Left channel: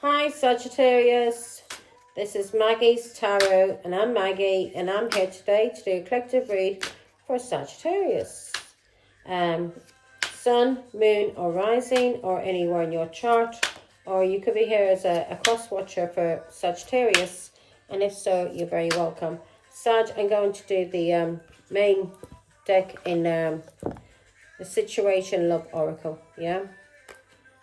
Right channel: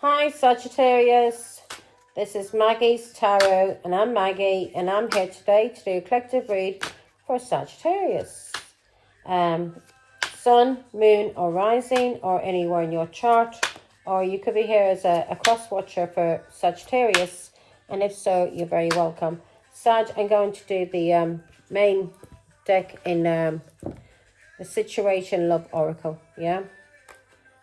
Hi Sagittarius, this is Maggie's Tarot and I'm Maggie and I'm here today to do a collective read for Sagittarius. Sun, moon or rising or anywhere in your chart, or you could be here as a cross watcher for Sagittarius, and if so, you're very welcome. Sag, I'm going to do the main deck in the Situation Love Oracle, yeah?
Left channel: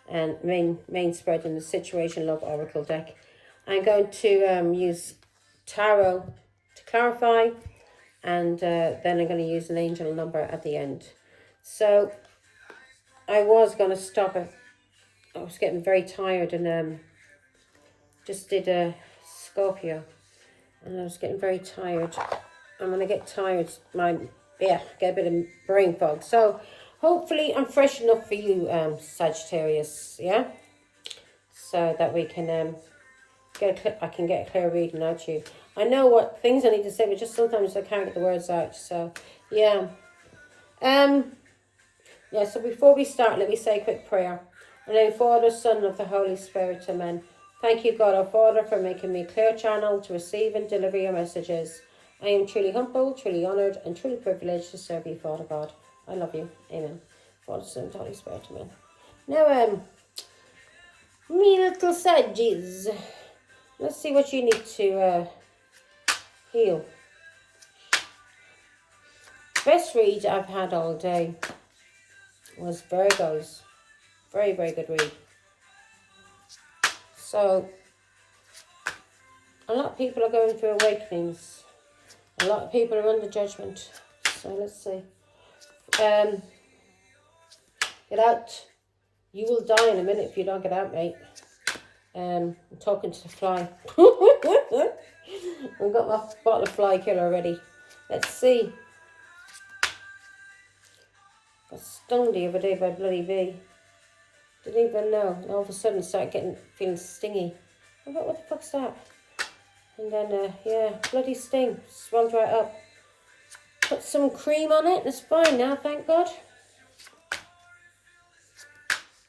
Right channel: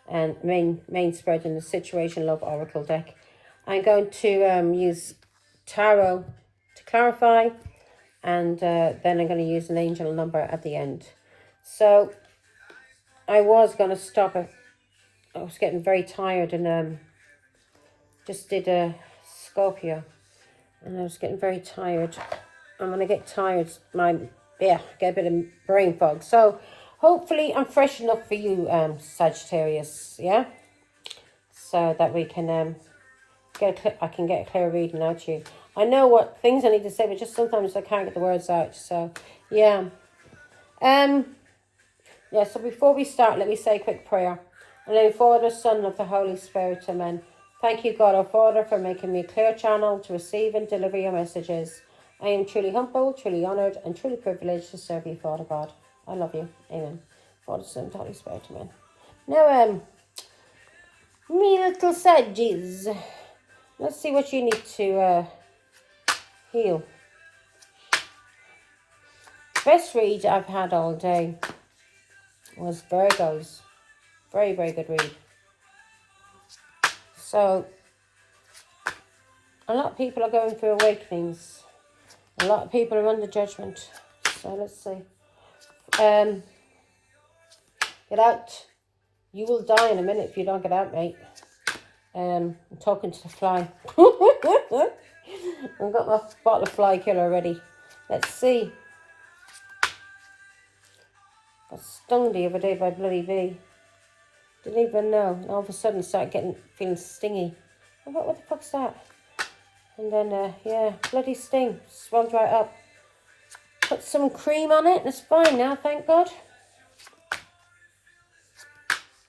And main spread in the Situation Love Oracle deck. I'm going to use tarot to clarify, and then I'm going to use an angel number at the end. So I was going to stop it. I was getting very tired and just did a Scorpio, and I was getting very tired. And when I get tired, get a bit of brain fog. So hopefully I'm fresh enough for you, Sagittarius, yeah? So that we can I can get a clear reading out to you. I know what things I need to say, but just sometimes I can't get the words out. So yeah. Yeah, so before we start, let me say a quick prayer. In the name of the Father, Son, and of the Holy Spirit, amen. Thank you, God our Father, for making me a clear channel to receive and deliver your messages. I am truly humbled, truly honoured, and truly privileged to serve you, Father God. I love you. Amen. Father, Son, and Holy Spirit, amen. Now, me little Saggies, let's see what you need to heal. Best read I've had all day was Virgo's. Very, very good read. So, a lot of people are going through awakenings. A lot of people are under judgment. So, let's see. Get out. You will die in a minute if you don't get out, mate. I'm talking to the fly. I've got my bottle of fly killer already. Let's see. Got stung the other day by a bloody bee. Didn't even know. And all of a sudden started feeling stingy. I thought, what the fuck's that? And then, yeah, bloody sting. Swelled right up. Put some cream on it and it's fine now, thank God.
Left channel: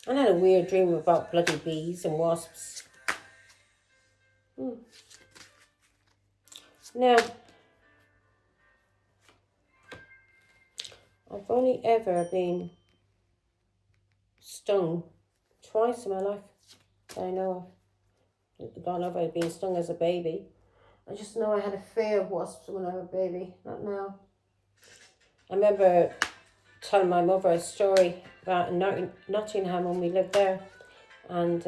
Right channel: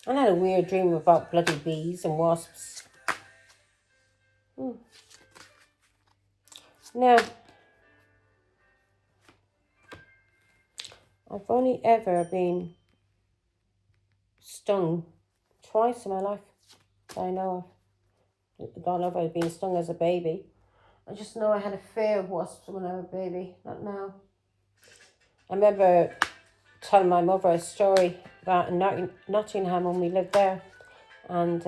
I had a weird dream about bloody bees and wasps. Now, I've only ever been stung twice in my life that I know of. I don't know if I'd been stung as a baby. I just know I had a fear of wasps when I was a baby, not now. I remember telling my mother a story about in Nottingham when we lived there, and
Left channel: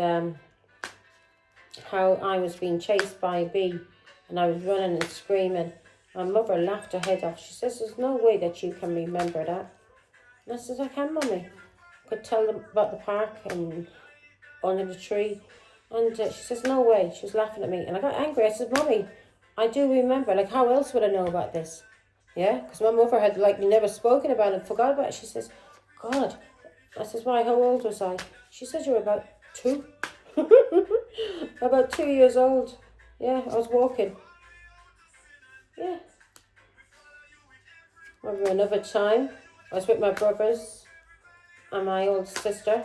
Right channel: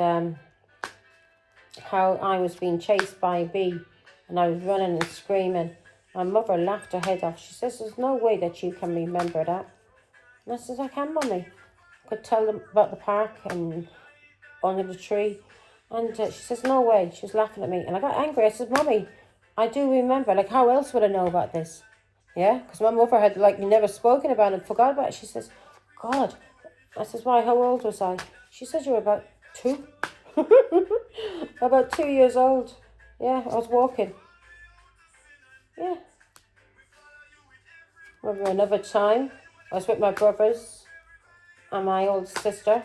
how I was being chased by a bee and I was running and screaming. My mother laughed her head off. She says, there's no way that you can remember that. And I said, I can, Mummy. I could tell them about the park and under the tree. And she says, no way. She was laughing at me. And I got angry. I said, Mummy, I do remember. Like, how else would I know about this? Yeah, because my mother had, like, never spoken about it, forgot about it. She says, God. I says, why, how old was I? She says, you were about 2. About 2 years old. Yeah, I was walking. Yeah. Remember another time, I was with my brothers and my old sister.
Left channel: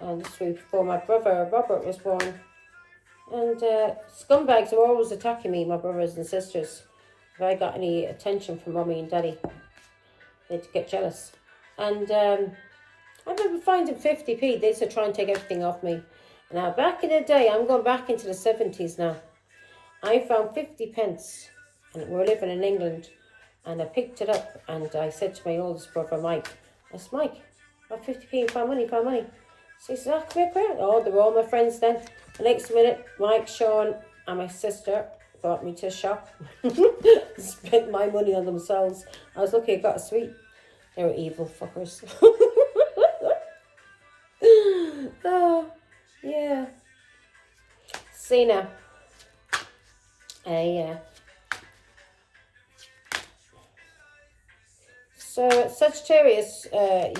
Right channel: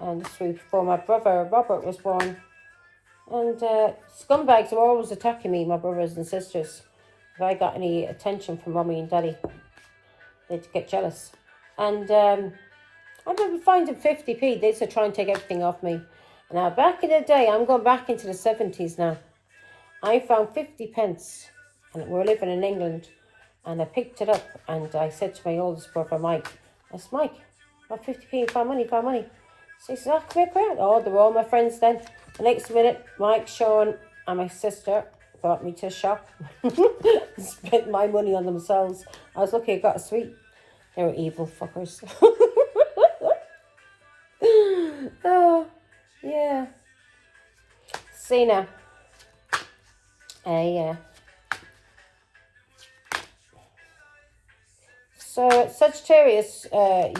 And this week before my brother Robert was born. And scumbags were always attacking me, my brothers and sisters. If I got any attention from Mummy and Daddy, they'd get jealous. And I remember finding 50p. They used to try and take everything off me. Now, back in the day, I'm going back into the 70s now. I found 50 pence, and we're living in England, and I picked it up, and I said to my oldest brother, Mike, I said, Mike, about 50p, found money. So he said, oh, come here. Oh, they were all my friends then. The next minute, Mike, Sean, and my sister brought me to a shop, spent my money on themselves. I was lucky I got a sweet. They were evil fuckers. Oh, yeah. See now. Yeah. So, Sagittarius,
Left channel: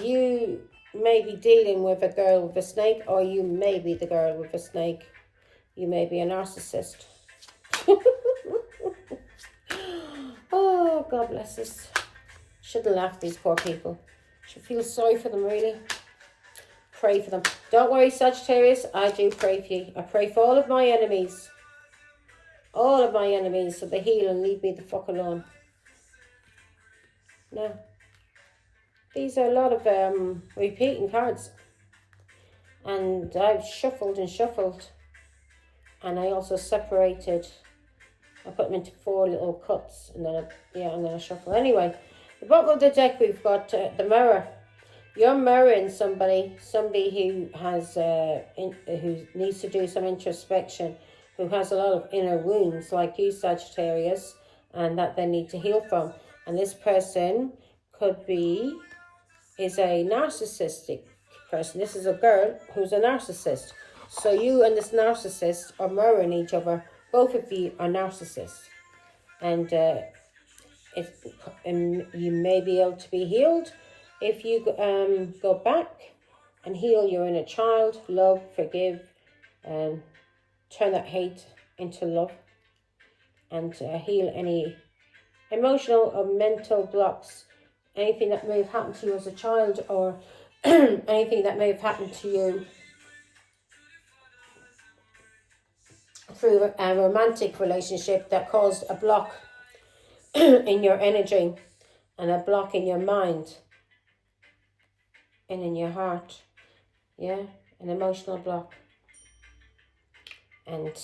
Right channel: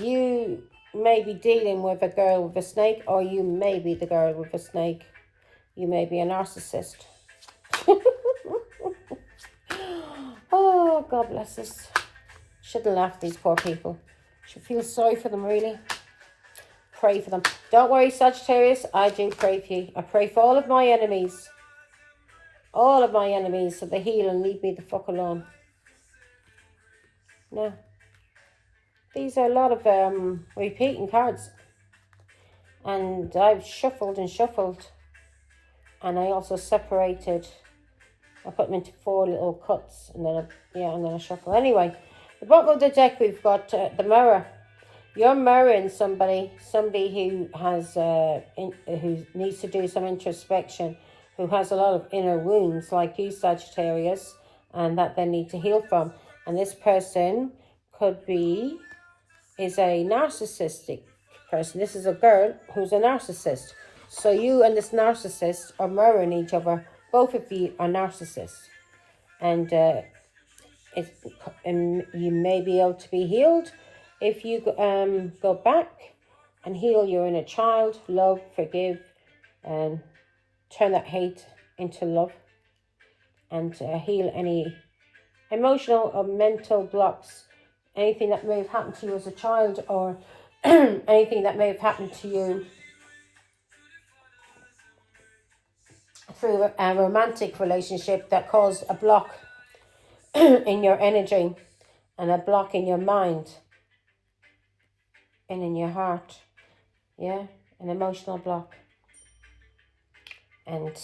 you may be dealing with a girl with a snake, or you may be the girl with a snake. You may be a narcissist. Oh, God bless us. Shouldn't laugh at these poor people. Should feel sorry for them, really. pray for them. Don't worry, Sagittarius, I do pray for you. I pray for all of my enemies. All of my enemies, so they heal and leave me the fuck alone. No. These are a lot of repeating cards. And I've shuffled and shuffled. And I also separated. I put them into 4 little cups. And then I shuffle. Anyway, the bottom of the deck we've got the mirror. You're mirroring somebody who has who needs to do some introspection, who has a lot of inner wounds like you, Sagittarius, and that they need to heal from. And this person is a narcissistic person. This is a girl who's a narcissist. So you and this narcissist are mirroring each other. Both of you are narcissists. And you may be able to be healed if you go back and heal your inner child, love, forgive, and turn that hate into love, and heal any emotional or mental blocks, anything that may have happened to you as a child, or anything that may have happened to you through a romantic relationship that caused a block in your energy and a block in your mind and in your heart. Yeah, an emotional block. And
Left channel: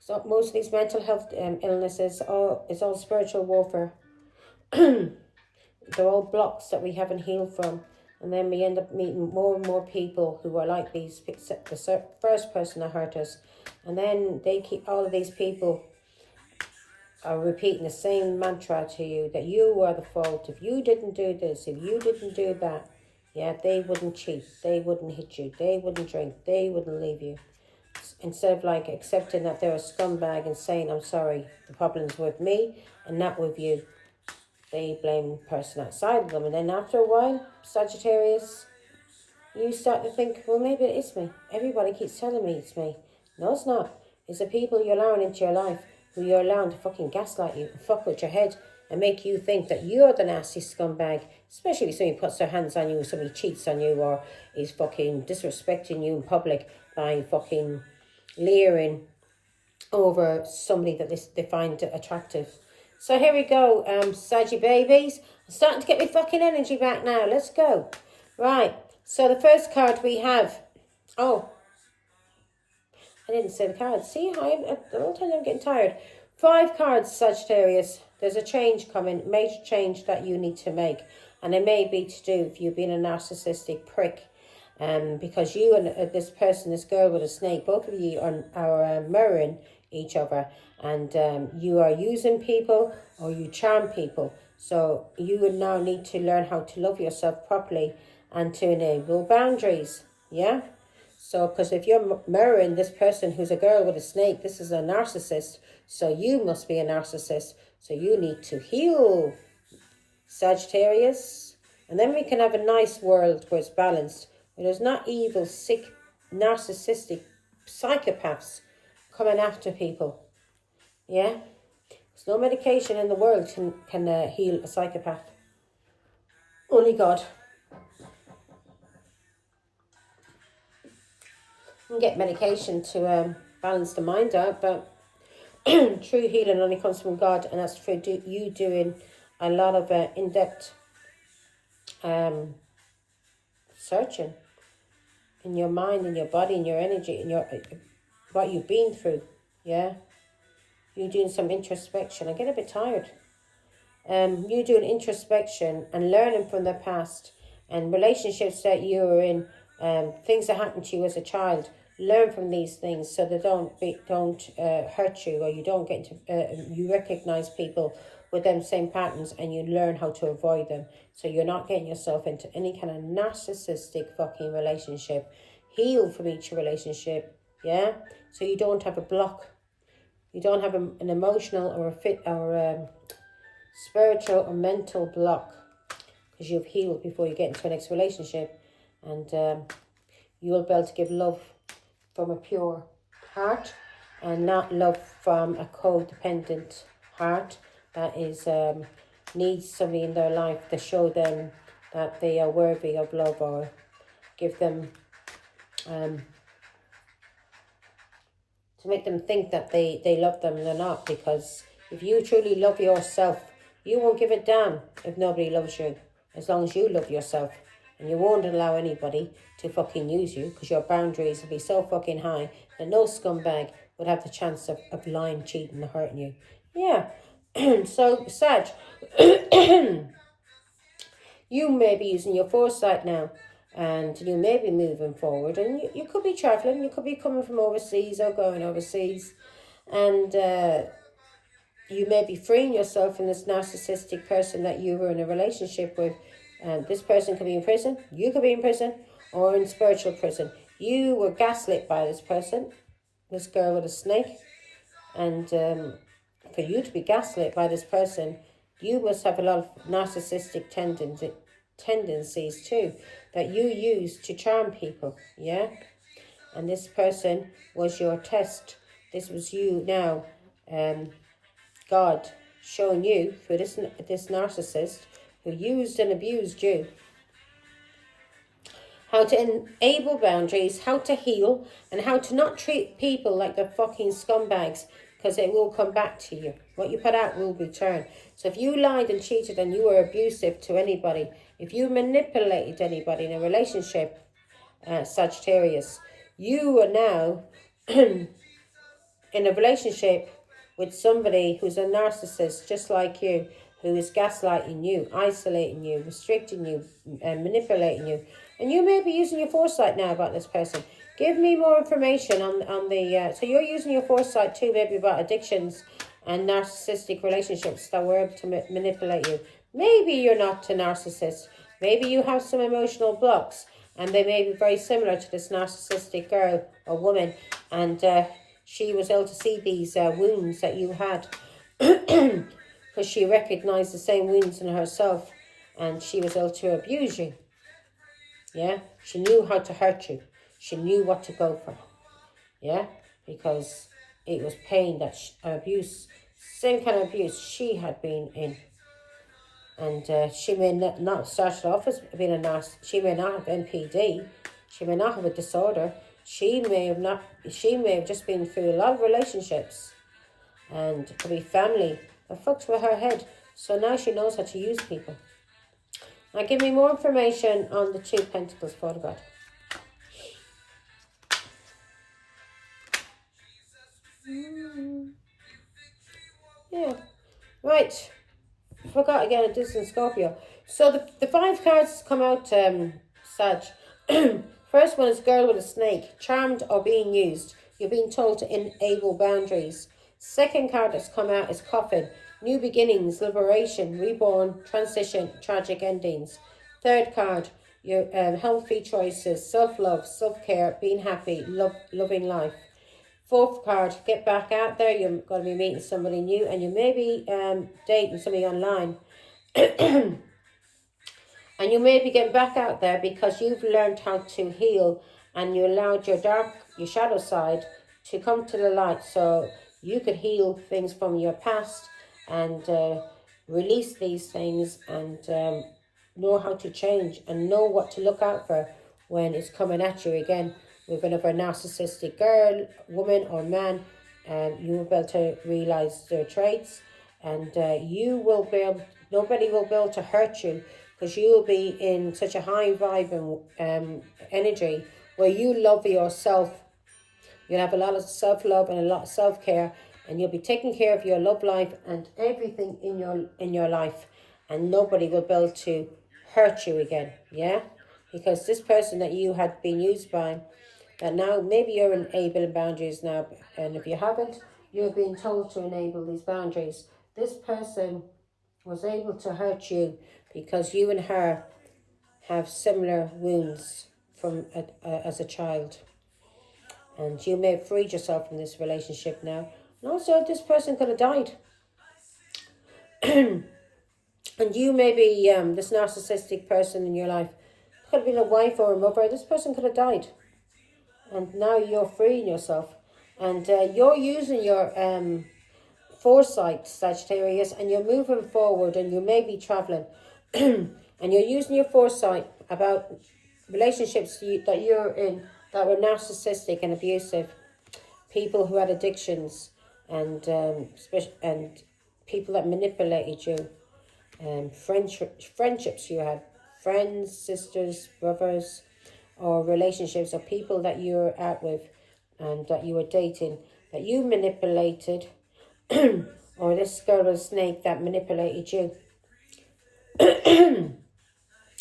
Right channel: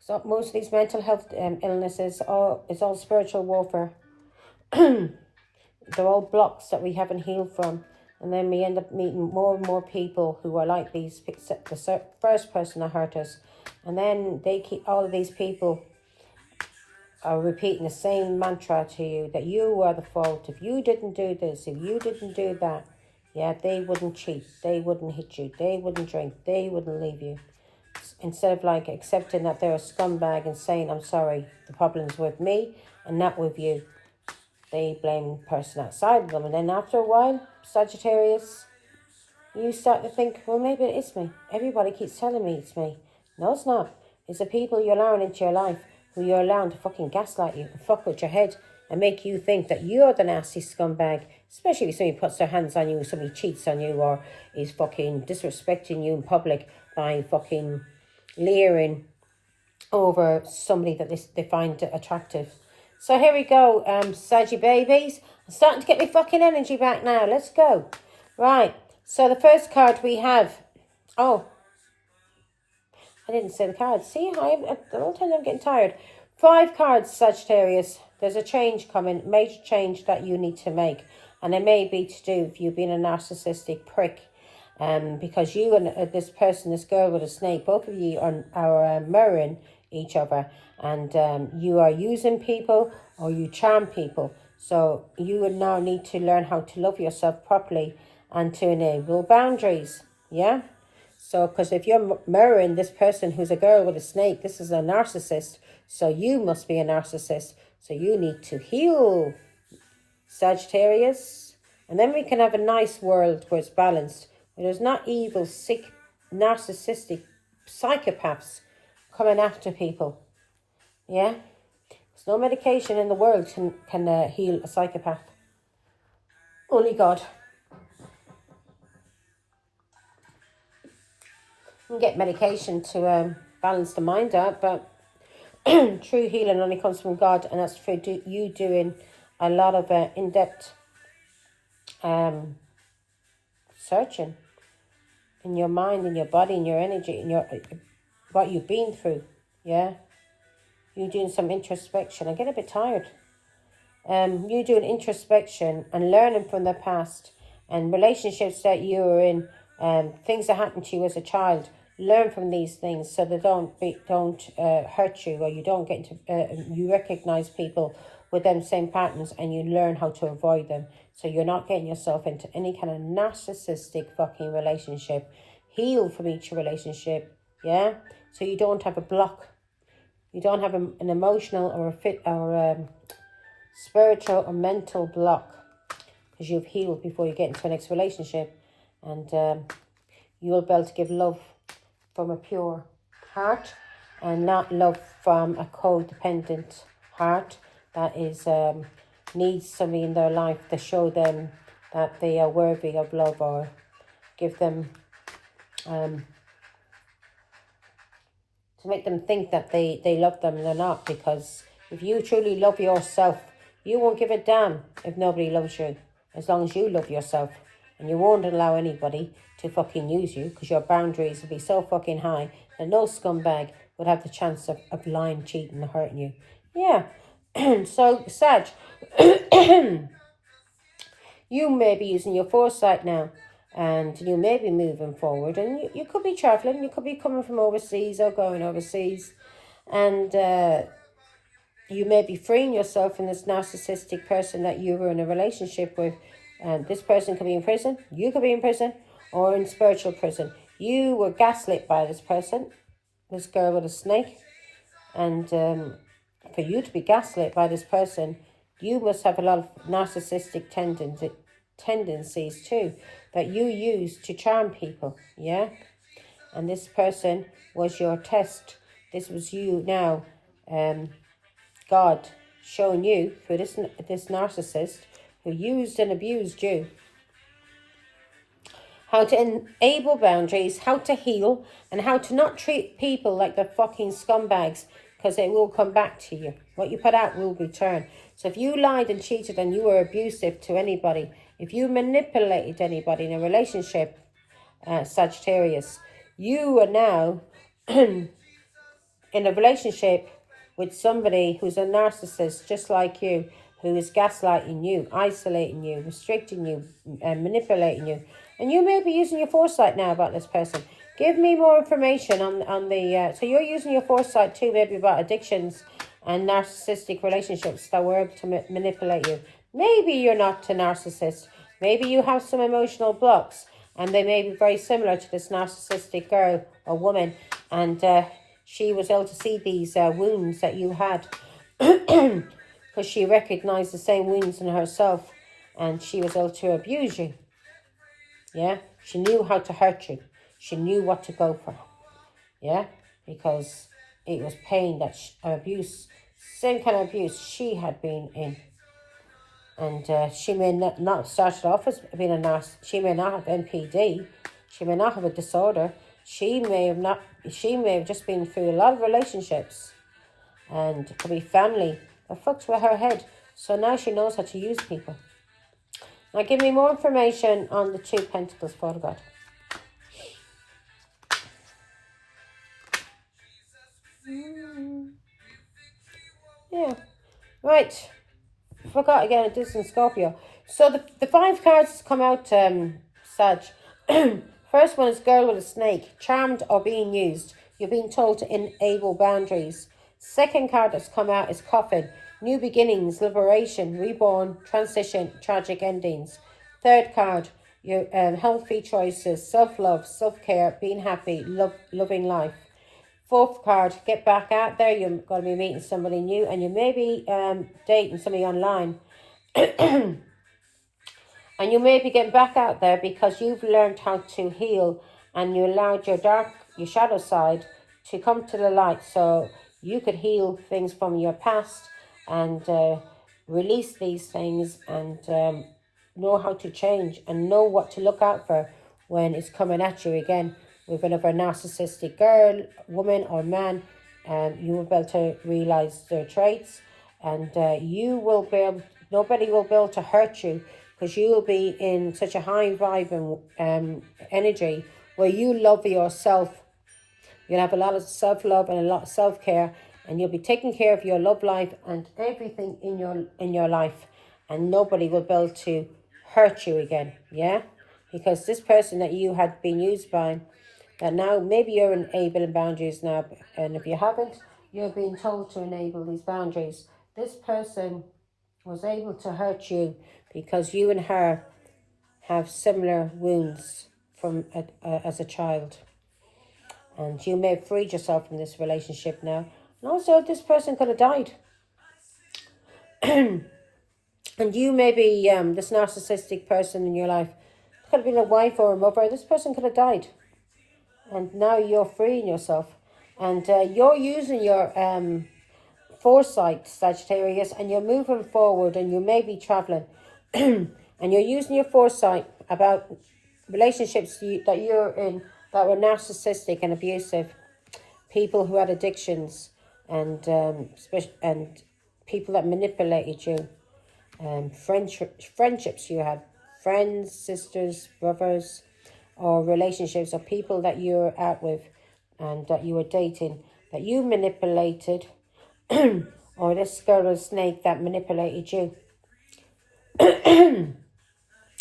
so most of these mental health illnesses is all spiritual warfare. They're all blocks that we haven't healed from. And then we end up meeting more and more people who are like these, the first person that hurt us. And then all of these people are repeating the same mantra to you, that you are the fault. If you didn't do this, if you didn't do that, yeah, they wouldn't cheat, they wouldn't hit you, they wouldn't drink, they wouldn't leave you. Instead of like accepting that they're a scumbag and saying, I'm sorry, the problem's with me and not with you, they blame the person outside of them. And then after a while, Sagittarius, you start to think, well, maybe it is me. Everybody keeps telling me it's me. No, it's not. It's the people you're allowing into your life who you're allowing to fucking gaslight you and fuck with your head and make you think that you're the nasty scumbag. Especially if somebody puts their hands on you, somebody cheats on you, or is fucking disrespecting you in public by fucking leering over somebody that they find attractive. So here we go, Saggy babies. I'm starting to get my fucking energy back now. Let's go. Right. So the first card we have. Oh, I didn't say the cards. See, I don't tell you I'm getting tired. 5 cards, Sagittarius. There's a change coming, major change that you need to make. And it may be to do with you being a narcissistic prick. Because you and this person, this girl with a snake, both of you are mirroring each other. And you are using people or you charm people. So you would now need to learn how to love yourself properly and to enable boundaries. Yeah? So, because if you're mirroring this person who's a girl with a snake, this is a narcissist. So you must be a narcissist. So you need to heal, Sagittarius. And then we can have a nice world where it's balanced. Where there's not evil, sick, narcissistic psychopaths coming after people. Yeah? There's no medication in the world can heal a psychopath. Only God. You can get medication to balance the mind out, but true healing only comes from God, and that's through you doing a lot of in-depth searching in your mind, in your body, in your energy, in your what you've been through. Yeah, you doing some introspection. I get a bit tired. You doing introspection and learning from the past and relationships that you were in, things that happened to you as a child. Learn from these things so they don't hurt you, or you don't get into. You recognize people with them same patterns and you learn how to avoid them. So you're not getting yourself into any kind of narcissistic fucking relationship. Heal from each relationship, yeah? So you don't have a block. You don't have an emotional or spiritual or mental block, because you've healed before you get into the next relationship. And you will be able to give love from a pure heart and not love from a codependent heart that is needs somebody in their life to show them that they are worthy of love, or give them to make them think that they love them and they're not. Because if you truly love yourself, you won't give a damn if nobody loves you, as long as you love yourself. And you won't allow anybody to fucking use you, because your boundaries will be so fucking high that no scumbag would have the chance of lying, cheating, and hurting you. Yeah. So, Sag, you may be using your foresight now, and you may be moving forward, and you could be traveling, you could be coming from overseas or going overseas, and you may be freeing yourself from this narcissistic person that you were in a relationship with. This person could be in prison, you could be in prison, or in spiritual prison. You were gaslit by this person, this girl with a snake, and for you to be gaslit by this person, you must have a lot of narcissistic tendencies too, that you use to charm people, yeah? And this person was your test. This was you now, God showing you through this narcissist who used and abused you, how to enable boundaries, how to heal, and how to not treat people like they're fucking scumbags, because it will come back to you. What you put out will return. So if you lied and cheated and you were abusive to anybody, if you manipulated anybody in a relationship, Sagittarius, you are now in a relationship with somebody who's a narcissist just like you, who is gaslighting you, isolating you, restricting you, and manipulating you. And you may be using your foresight now about this person. Give me more information on the... so you're using your foresight too, maybe about addictions and narcissistic relationships that were able to manipulate you. Maybe you're not a narcissist. Maybe you have some emotional blocks, and they may be very similar to this narcissistic girl or woman, and she was able to see these wounds that you had, because she recognized the same wounds in herself, and she was able to abuse you. Yeah, she knew how to hurt you. She knew what to go for. Yeah, because it was pain that abuse, same kind of abuse she had been in. And she may not start off as being a nurse. She may not have NPD. She may not have a disorder. She may have just been through a lot of relationships, and it could be family that fucked with her head. So now she knows how to use people. Now give me more information on the Two Pentacles, Father God. Yeah, right. Forgot again, a distant Scorpio. So the 5 cards come out, Sag. First one is girl with a snake, charmed or being used. You're being told to enable boundaries. Second card that's come out is coffin, new beginnings, liberation, reborn, transition, tragic endings. Third card, your healthy choices, self-love, self-care, being happy, loving life. Fourth card, get back out there. You're going to be meeting somebody new, and you may be dating somebody online. And you may be getting back out there because you've learned how to heal, and you allowed your shadow side to come to the light, so you could heal things from your past and release these things, and know how to change and know what to look out for when it's coming at you again with another narcissistic girl, woman or man. You will be able to realize their traits, and nobody will be able to hurt you, because you will be in such a high vibe and energy where you love yourself. You'll have a lot of self-love and a lot of self-care, and you'll be taking care of your love life and everything in your life, and nobody will be able to hurt you again. Yeah, because this person that you had been used by, that now maybe you're enabling boundaries now, and if you haven't, you're being told to enable these boundaries. This person was able to hurt you because you and her have similar wounds from as a child, and you may have freed yourself from this relationship now. And also, this person could have died. And you may be this narcissistic person in your life. Could have been a wife or a mother. This person could have died, and now you're freeing yourself, and you're using your foresight, Sagittarius, and you're moving forward, and you may be traveling. And you're using your foresight about relationships that you're in that were narcissistic and abusive, people who had addictions, and people that manipulated you, friendships you had, friends, sisters, brothers, or relationships, or people that you were out with and that you were dating, that you manipulated, or this girl or snake that manipulated you.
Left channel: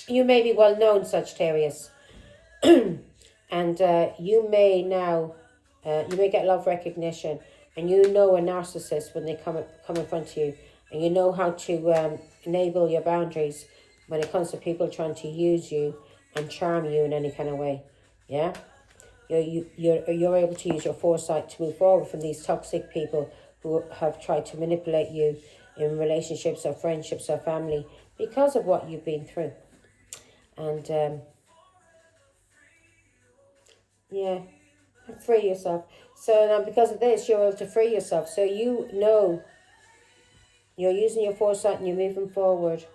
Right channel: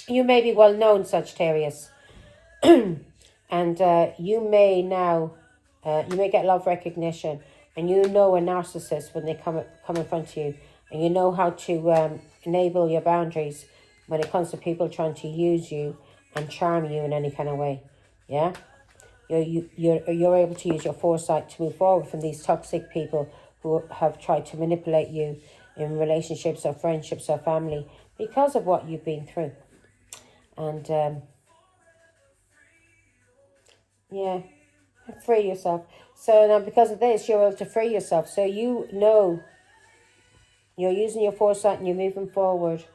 You may be well known, Sagittarius, and you may now, you may get love recognition, and you know a narcissist when they come in front of you, and you know how to enable your boundaries when it comes to people trying to use you and charm you in any kind of way. Yeah, you're able to use your foresight to move forward from these toxic people who have tried to manipulate you in relationships or friendships or family because of what you've been through. And yeah, free yourself. So now because of this, you're able to free yourself. So you know you're using your foresight and you're moving forward.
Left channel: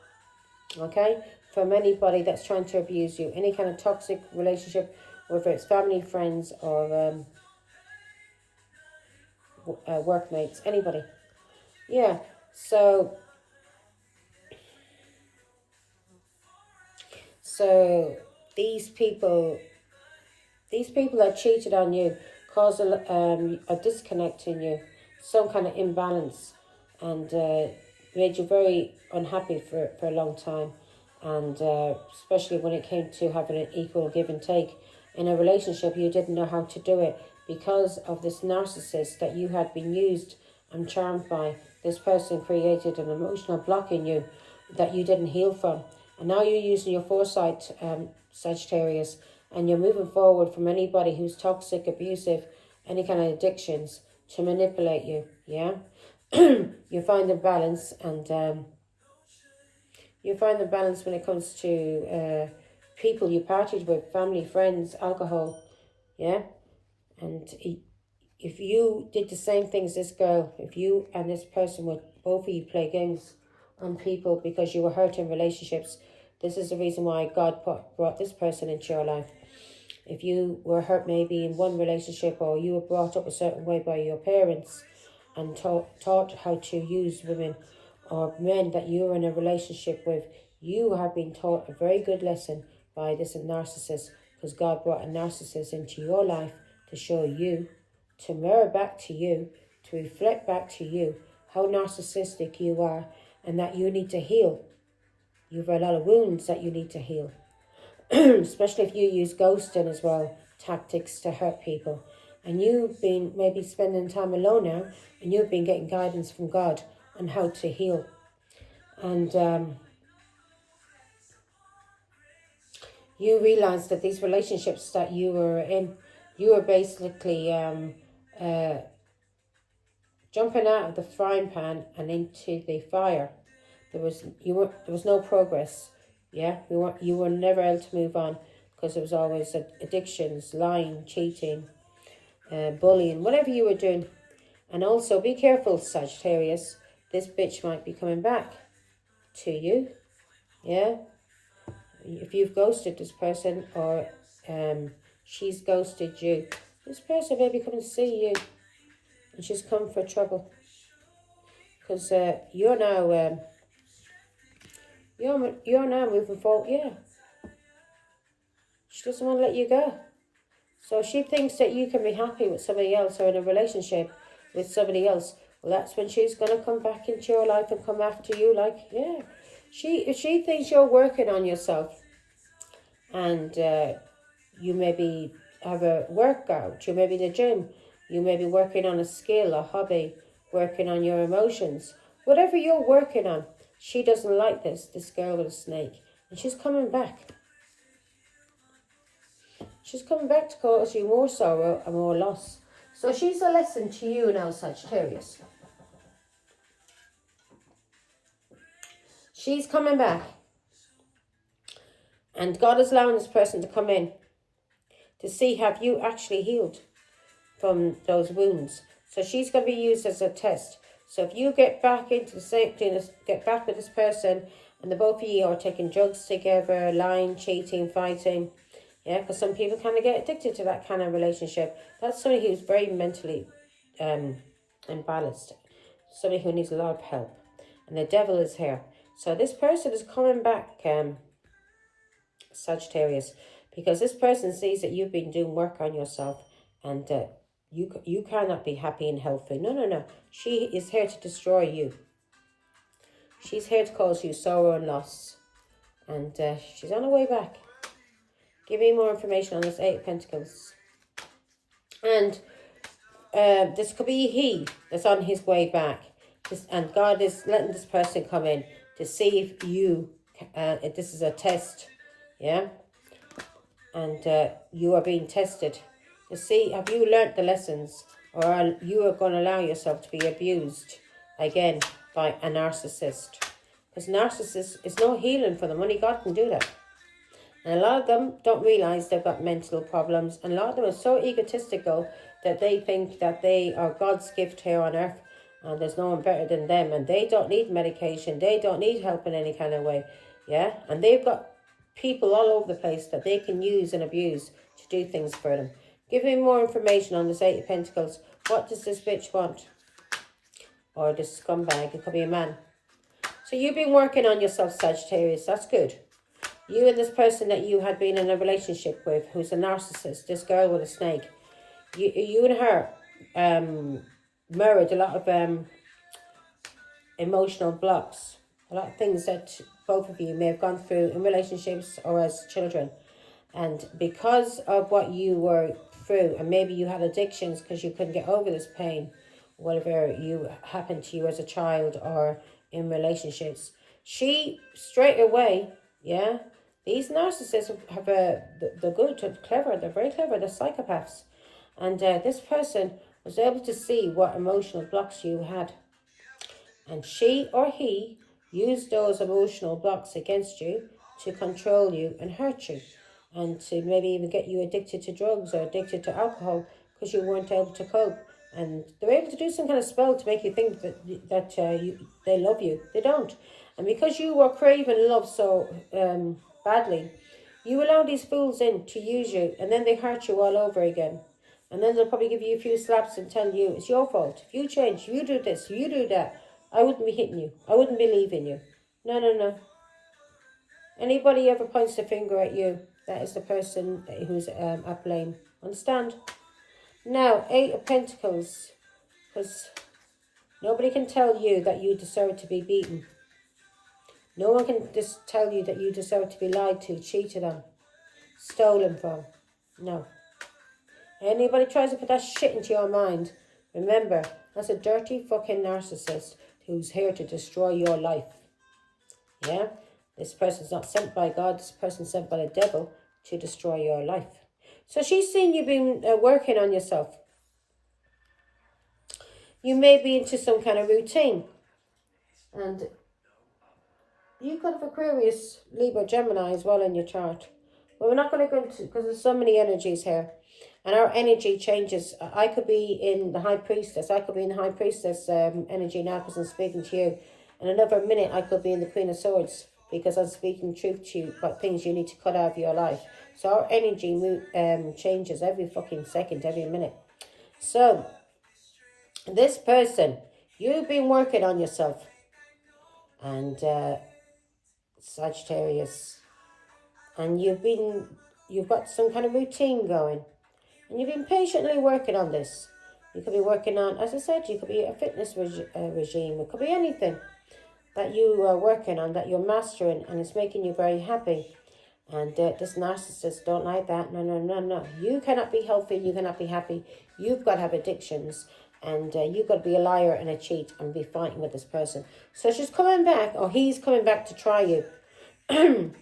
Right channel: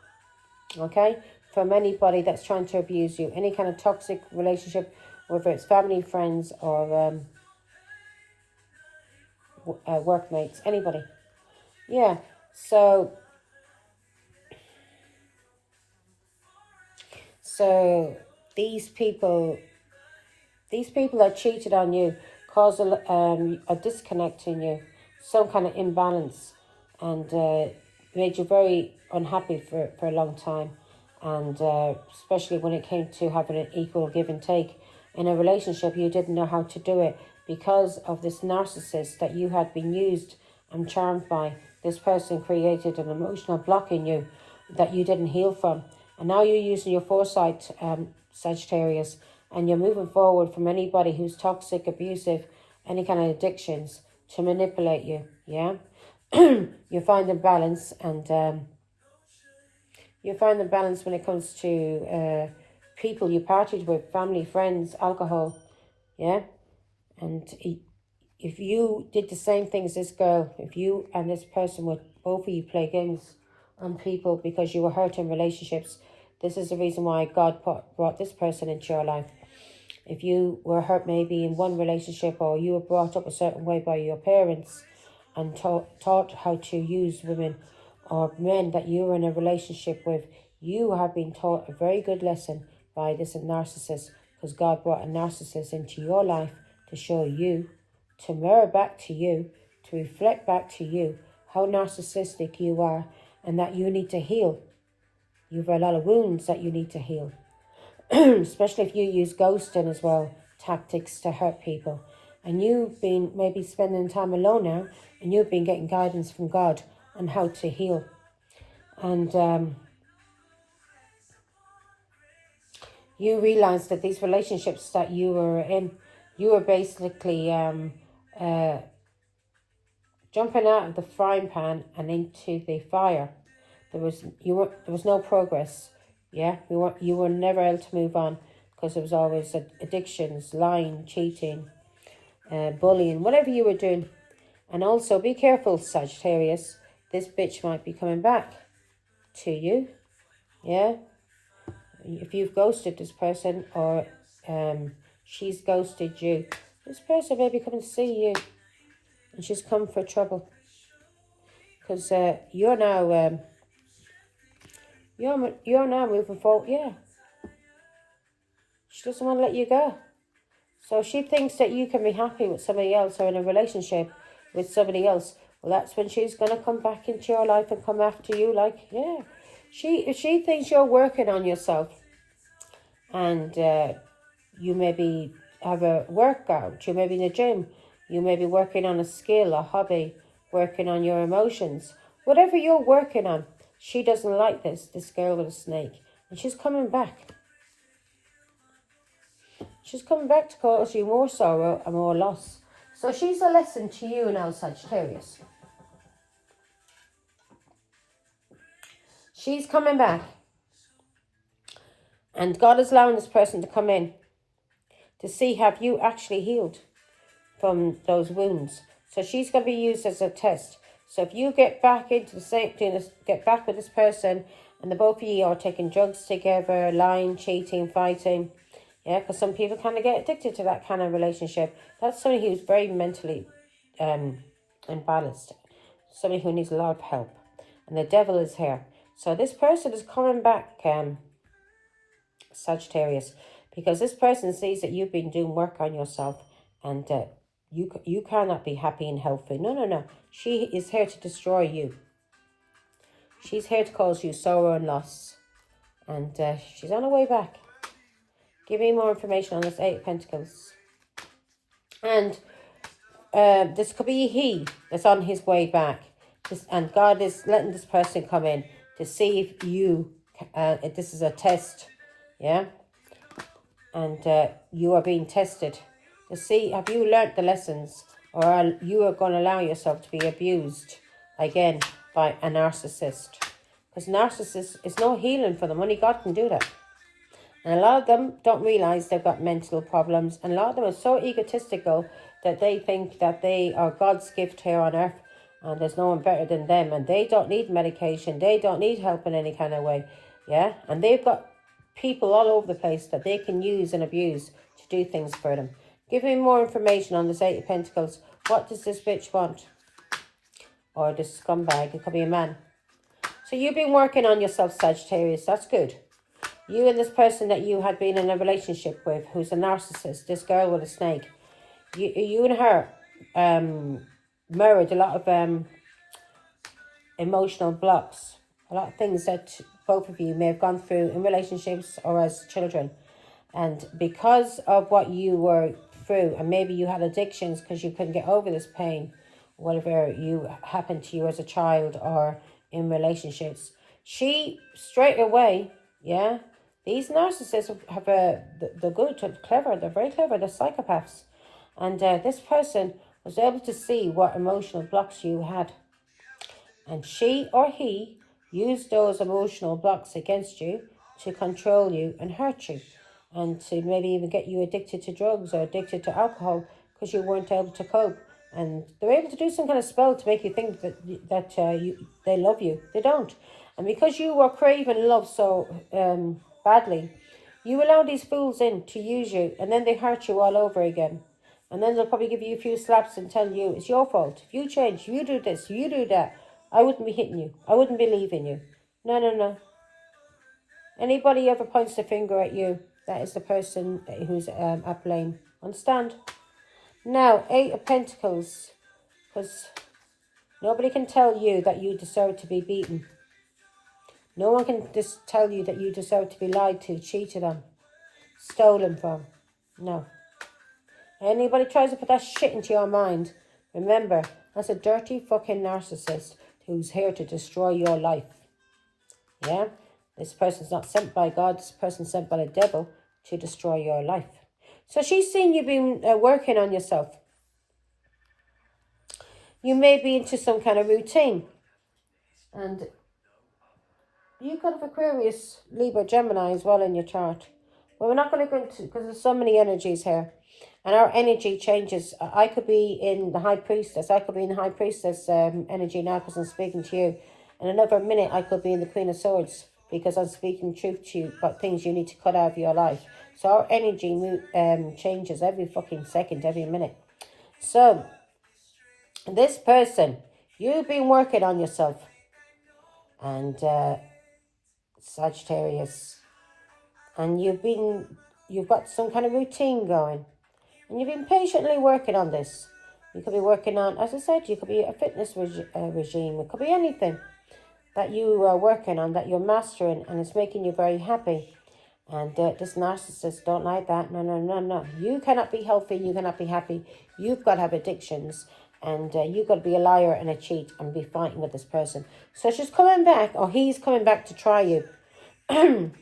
Okay? From anybody that's trying to abuse you. Any kind of toxic relationship, whether it's family, friends, or workmates, anybody. Yeah. So these people that cheated on you, caused a disconnect in you, some kind of imbalance, and made you very unhappy for a long time. And especially when it came to having an equal give and take in a relationship, you didn't know how to do it because of this narcissist that you had been used and charmed by. This person created an emotional block in you that you didn't heal from. And now you're using your foresight, Sagittarius, and you're moving forward from anybody who's toxic, abusive, any kind of addictions to manipulate you, yeah? You find the balance, and you find the balance when it comes to people you partied with, family, friends, alcohol, yeah? And if you did the same thing as this girl, if you and this person would, both of you play games on people because you were hurt in relationships, this is the reason why God brought this person into your life. If you were hurt maybe in one relationship, or you were brought up a certain way by your parents and taught how to use women or men that you were in a relationship with, you have been taught a very good lesson by this narcissist, because God brought a narcissist into your life to show you, to mirror back to you, to reflect back to you how narcissistic you are and that you need to heal. You have a lot of wounds that you need to heal. Especially if you use ghosting as well, tactics to hurt people. And you've been maybe spending time alone now, and you've been getting guidance from God on how to heal. And you realize that these relationships that you were in, you were basically jumping out of the frying pan and into the fire. There was no progress. Yeah, you were never able to move on because there was always addictions, lying, cheating, bullying, whatever you were doing. And also be careful, Sagittarius. This bitch might be coming back to you. Yeah, if you've ghosted this person, or she's ghosted you, this person may be coming to see you, and she's come for trouble because you're now. You're now moving forward, yeah. She doesn't want to let you go. So she thinks that you can be happy with somebody else or in a relationship with somebody else. Well, that's when she's going to come back into your life and come after you like, yeah. If she thinks you're working on yourself and you maybe have a workout, you may be in the gym, you may be working on a skill, a hobby, working on your emotions, whatever you're working on, she doesn't like this girl with a snake. And she's coming back. She's coming back to cause you more sorrow and more loss. So she's a lesson to you now, Sagittarius. She's coming back. And God is allowing this person to come in to see, have you actually healed from those wounds? So she's going to be used as a test. So if you get back into the safety, get back with this person, and the both of you are taking drugs together, lying, cheating, fighting, Yeah, because some people kind of get addicted to that kind of relationship. That's somebody who's very mentally imbalanced. Somebody who needs a lot of help. And the devil is here. So this person is coming back, Sagittarius, because this person sees that you've been doing work on yourself, and you cannot be happy and healthy. No, no, no. She is here to destroy you. She's here to cause you sorrow and loss. And she's on her way back. Give me more information on this Eight of Pentacles. And this could be he that's on his way back. And God is letting this person come in to see if you, if this is a test. Yeah? And you are being tested to see, have you learnt the lessons, or are you going to allow yourself to be abused again by a narcissist? Because narcissists, it's no healing for them. Only God can do that. And a lot of them don't realise they've got mental problems. And a lot of them are so egotistical that they think that they are God's gift here on earth. And there's no one better than them. And they don't need medication. They don't need help in any kind of way. Yeah? And they've got people all over the place that they can use and abuse to do things for them. Give me more information on this Eight of Pentacles. What does this bitch want? Or this scumbag. It could be a man. So you've been working on yourself, Sagittarius. That's good. You and this person that you had been in a relationship with, who's a narcissist, this girl with a snake, you and her mirrored a lot of emotional blocks, a lot of things that both of you may have gone through in relationships or as children. And because of what you were through, and maybe you had addictions because you couldn't get over this pain, whatever you happened to you as a child or in relationships, she straight away, yeah, these narcissists have they're good, they're clever, they're very clever, they're psychopaths. And this person was able to see what emotional blocks you had. And she or he used those emotional blocks against you to control you and hurt you. And to maybe even get you addicted to drugs or addicted to alcohol because you weren't able to cope. And they're able to do some kind of spell to make you think that they love you. They don't. And because you were craving love so badly, you allow these fools in to use you, and then they hurt you all over again. And then they'll probably give you a few slaps and tell you it's your fault. If you change, if you do this, if you do that, I wouldn't be hitting you. I wouldn't be leaving you. No, no, no. Anybody ever points the finger at you, that is the person who's at blame. Understand? Now, Eight of Pentacles. Because nobody can tell you that you deserve to be beaten. No one can just tell you that you deserve to be lied to, cheated on, stolen from. No. Anybody tries to put that shit into your mind, remember, that's a dirty fucking narcissist who's here to destroy your life. Yeah? This person's not sent by God. This person's sent by the devil to destroy your life. So she's seen you've been working on yourself. You may be into some kind of routine. And you could have Aquarius, Libra, Gemini as well in your chart. But we're not going to go into, because there's so many energies here. And our energy changes. I could be in the High Priestess. I could be in the High Priestess energy now because I'm speaking to you. In another minute, I could be in the Queen of Swords because I'm speaking truth to you about things you need to cut out of your life. So our energy changes every fucking second, every minute. So, this person, you've been working on yourself. And Sagittarius. And you've got some kind of routine going. And you've been patiently working on this. You could be working on, as I said, you could be a fitness regime. It could be anything that you are working on, that you're mastering, and it's making you very happy. And this narcissist don't like that. No, no, no, no. You cannot be healthy. You cannot be happy. You've got to have addictions. And you've got to be a liar and a cheat and be fighting with this person. So she's coming back, or he's coming back to try you. And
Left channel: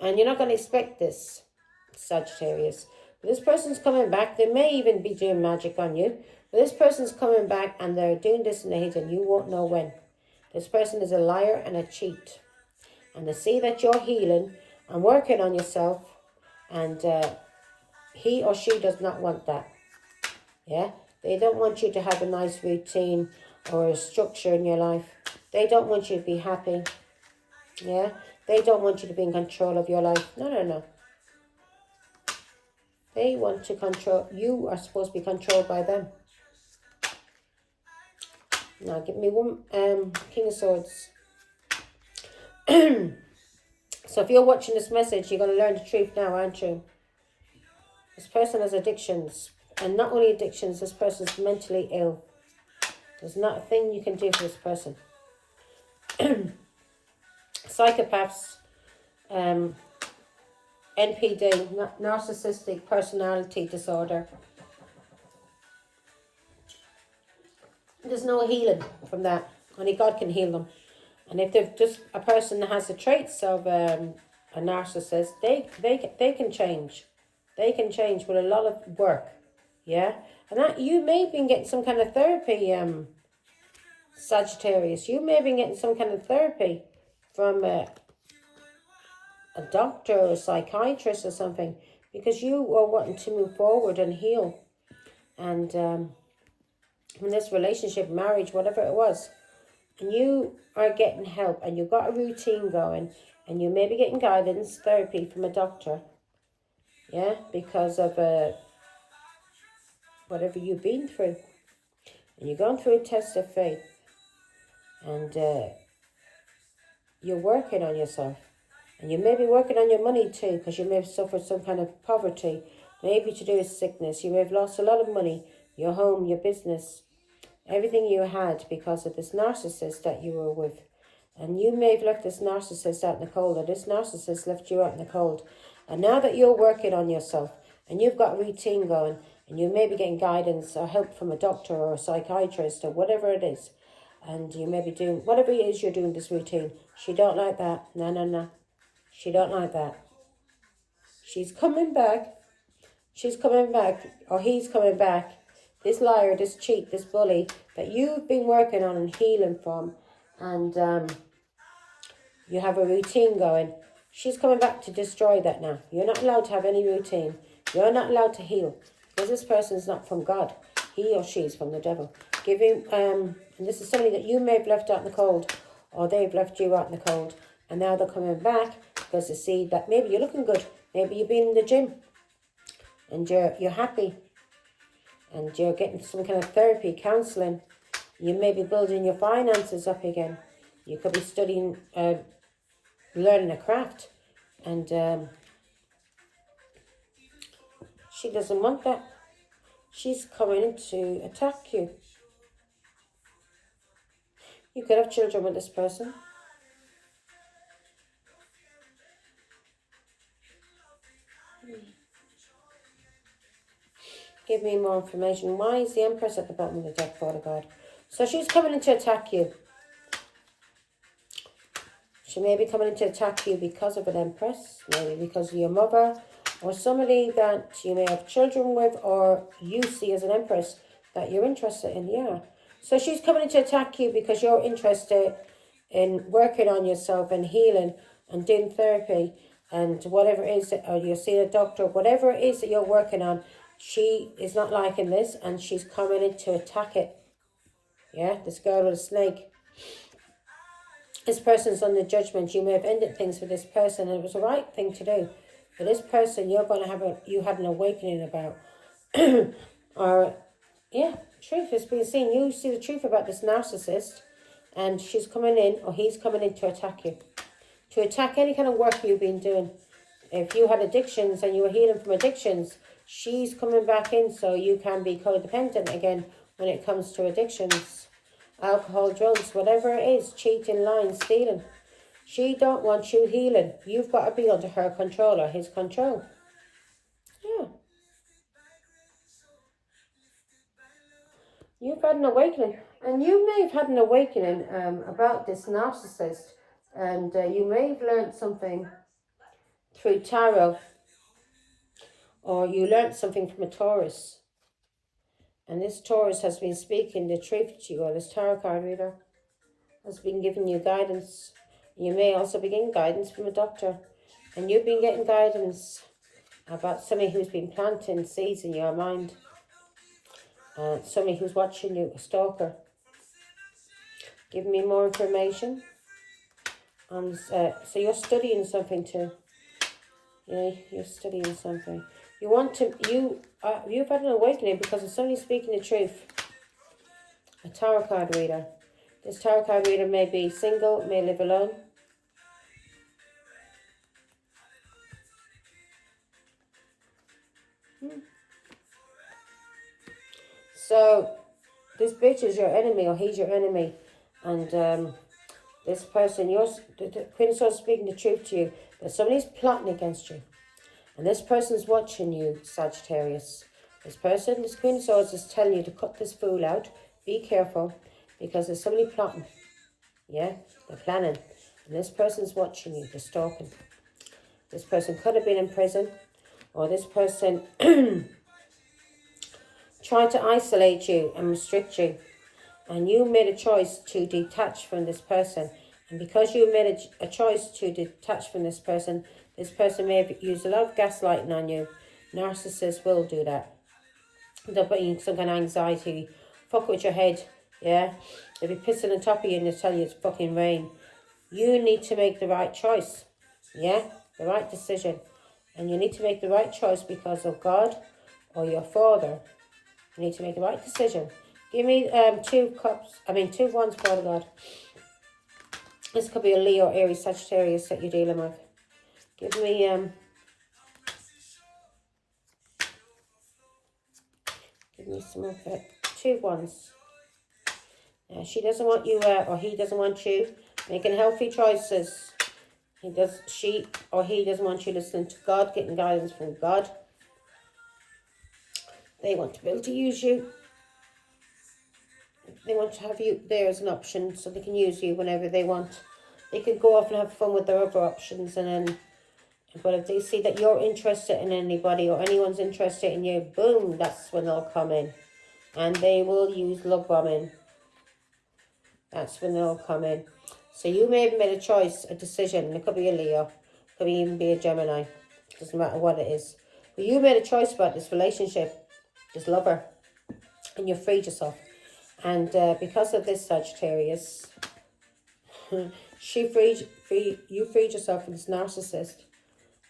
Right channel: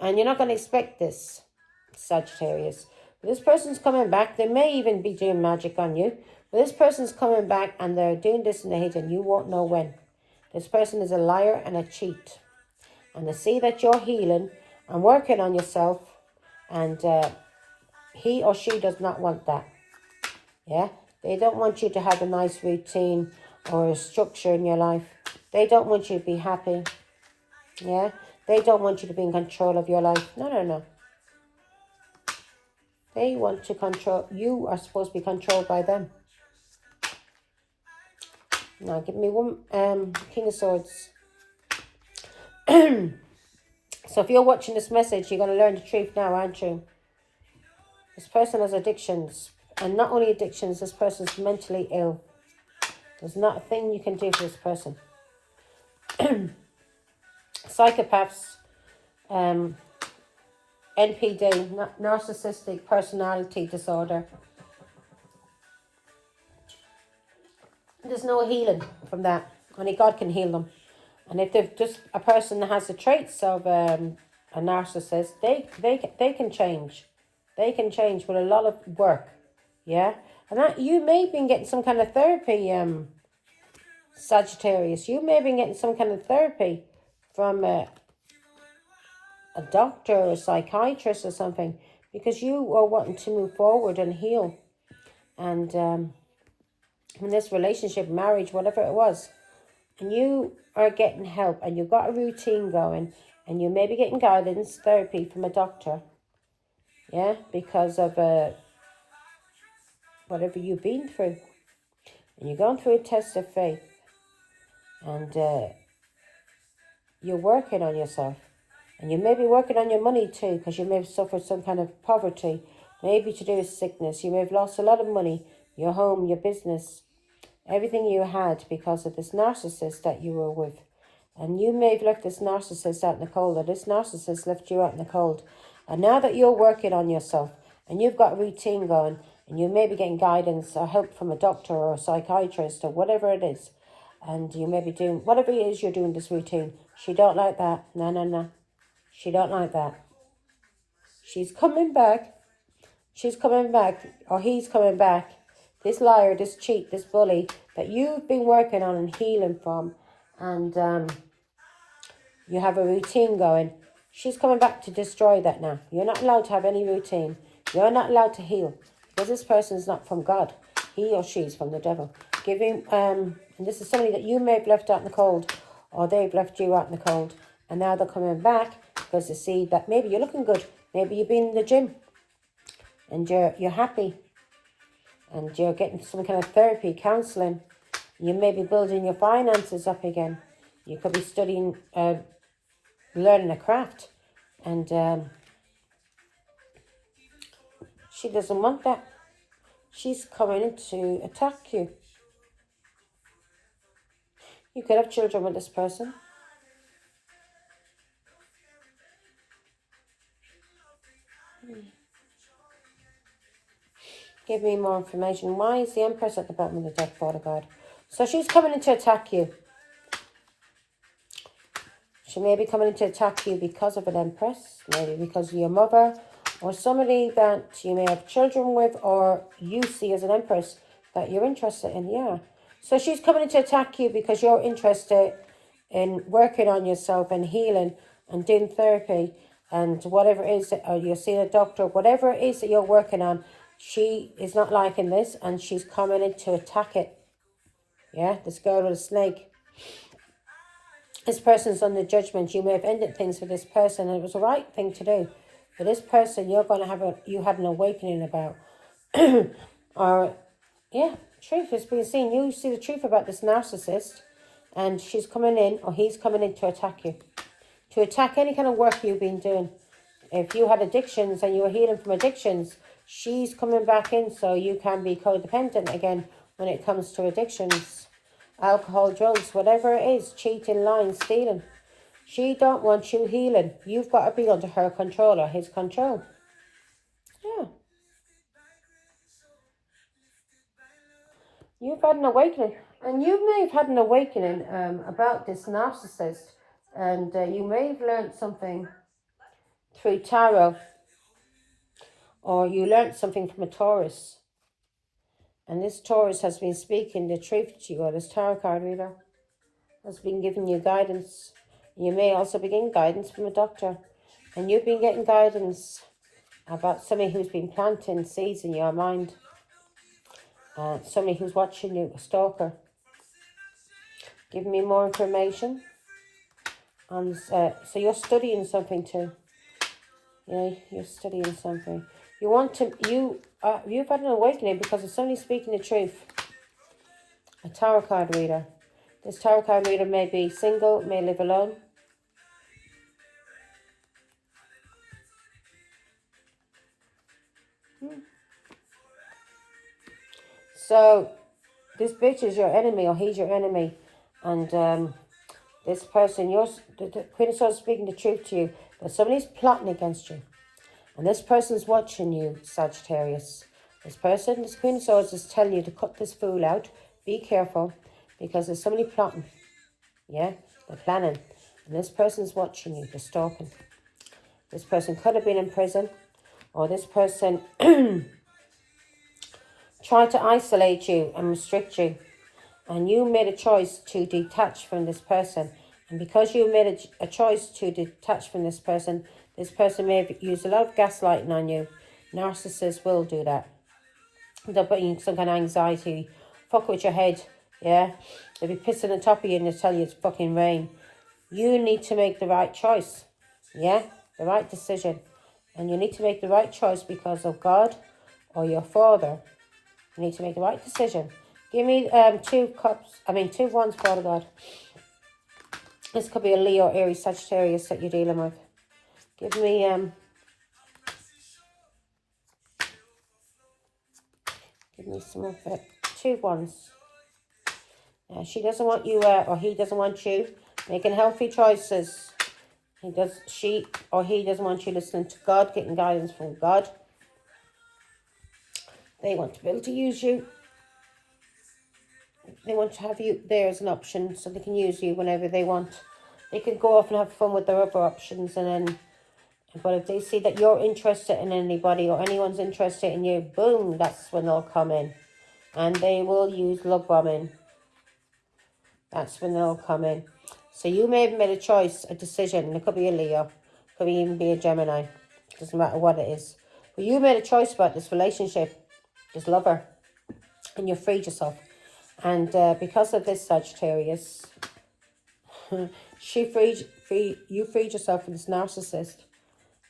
you're not going to expect this, Sagittarius. But this person's coming back. They may even be doing magic on you. But this person's coming back and they're doing this in the hidden and you won't know when. This person is a liar and a cheat. And they see that you're healing and working on yourself. And he or she does not want that. Yeah? They don't want you to have a nice routine or a structure in your life. They don't want you to be happy. Yeah? They don't want you to be in control of your life. No, no, no. They want to control. You are supposed to be controlled by them. Now, give me one King of Swords. So if you're watching this message, you're going to learn the truth now, aren't you? This person has addictions. And not only addictions, this person's mentally ill. There's not a thing you can do for this person. Psychopaths, NPD, narcissistic personality disorder. There's no healing from that. Only God can heal them. And if they're just a person that has the traits of a narcissist, they can change. They can change with a lot of work. Yeah? And that you may have been getting some kind of therapy, Sagittarius. You may have been getting some kind of therapy from a doctor or a psychiatrist or something, because you are wanting to move forward and heal. And in this relationship, marriage, whatever it was, and you are getting help and you've got a routine going, and you may be getting guidance, therapy from a doctor, yeah, because of whatever you've been through, and you're going through a test of faith, and you're working on yourself, and you may be working on your money too, because you may have suffered some kind of poverty, maybe to do with sickness. You may have lost a lot of money, your home, your business, everything you had, because of this narcissist that you were with. And you may have left this narcissist out in the cold, or this narcissist left you out in the cold. And now that you're working on yourself, and you've got a routine going, and you may be getting guidance or help from a doctor or a psychiatrist or whatever it is, and you may be doing, whatever it is you're doing this routine, she don't like that. No. She don't like that. She's coming back. She's coming back, or he's coming back. This liar, this cheat, this bully that you've been working on and healing from, and you have a routine going. She's coming back to destroy that now. You're not allowed to have any routine. You're not allowed to heal, because this person's not from God. He or she's from the devil. Give him, and this is somebody that you may have left out in the cold, or they've left you out in the cold, and now they're coming back because they see that maybe you're looking good. Maybe you've been in the gym, and you're happy, and you're getting some kind of therapy, counselling. You may be building your finances up again. You could be studying, learning a craft. And she doesn't want that. She's coming to attack you. You could have children with this person. Give me more information. Why is the Empress at the bottom of the deck, Father God? So she's coming in to attack you. She may be coming in to attack you because of an Empress, maybe because of your mother, or somebody that you may have children with, or you see as an Empress that you're interested in, yeah. So she's coming in to attack you because you're interested in working on yourself and healing and doing therapy and whatever it is, or you're seeing a doctor, whatever it is that you're working on. She is not liking this, and she's coming in to attack it. Yeah, this girl with a snake. This person's under judgment. You may have ended things with this person, and it was the right thing to do. But this person, you're going to have you had an awakening about. Or, yeah, truth is being seen. You see the truth about this narcissist, and she's coming in, or he's coming in to attack you. To attack any kind of work you've been doing. If you had addictions and you were healing from addictions, she's coming back in so you can be codependent again when it comes to addictions. Alcohol, drugs, whatever it is, cheating, lying, stealing. She don't want you healing. You've got to be under her control or his control. Yeah. You've had an awakening. And you may have had an awakening about this narcissist. And you may have learned something through tarot. Or you learned something from a Taurus. And this Taurus has been speaking the truth to you, or this tarot card reader has been giving you guidance. You may also be getting guidance from a doctor. And you've been getting guidance about somebody who's been planting seeds in your mind. Somebody who's watching you, a stalker. Give me more information. And so you're studying something too. Yeah, you're studying something. You want to, you've had an awakening because of somebody speaking the truth. A tarot card reader. This tarot card reader may be single, may live alone. So, this bitch is your enemy, or he's your enemy. And this person, the Queen of Swords is speaking the truth to you, that somebody's plotting against you. And this person's watching you, Sagittarius. This Queen of Swords is telling you to cut this fool out. Be careful, because there's somebody plotting. Yeah, they're planning. And this person's watching you, they're stalking. This person could have been in prison, or this person tried to isolate you and restrict you. And you made a choice to detach from this person. And because you made a choice to detach from this person may have used a lot of gaslighting on you. Narcissists will do that. They'll put you in some kind of anxiety, fuck with your head, yeah? They'll be pissing on top of you and they'll tell you it's fucking rain. You need to make the right choice, yeah? The right decision. And you need to make the right choice because of God or your father. You need to make the right decision. Give me 2 wands, Father God. This could be a Leo, Aries, Sagittarius that you're dealing with. Give me some of it. 2 wands. She doesn't want you, or he doesn't want you making healthy choices. She or he doesn't want you listening to God, getting guidance from God. They want to be able to use you. They want to have you there as an option so they can use you whenever they want. They can go off and have fun with their other options, but if they see that you're interested in anybody or anyone's interested in you, boom, that's when they'll come in. And they will use love bombing. That's when they'll come in. So you may have made a choice, a decision. It could be a Leo. It could even be a Gemini. It doesn't matter what it is. But you made a choice about this relationship, this lover. And you freed yourself. And because of this, Sagittarius, you freed yourself from this narcissist.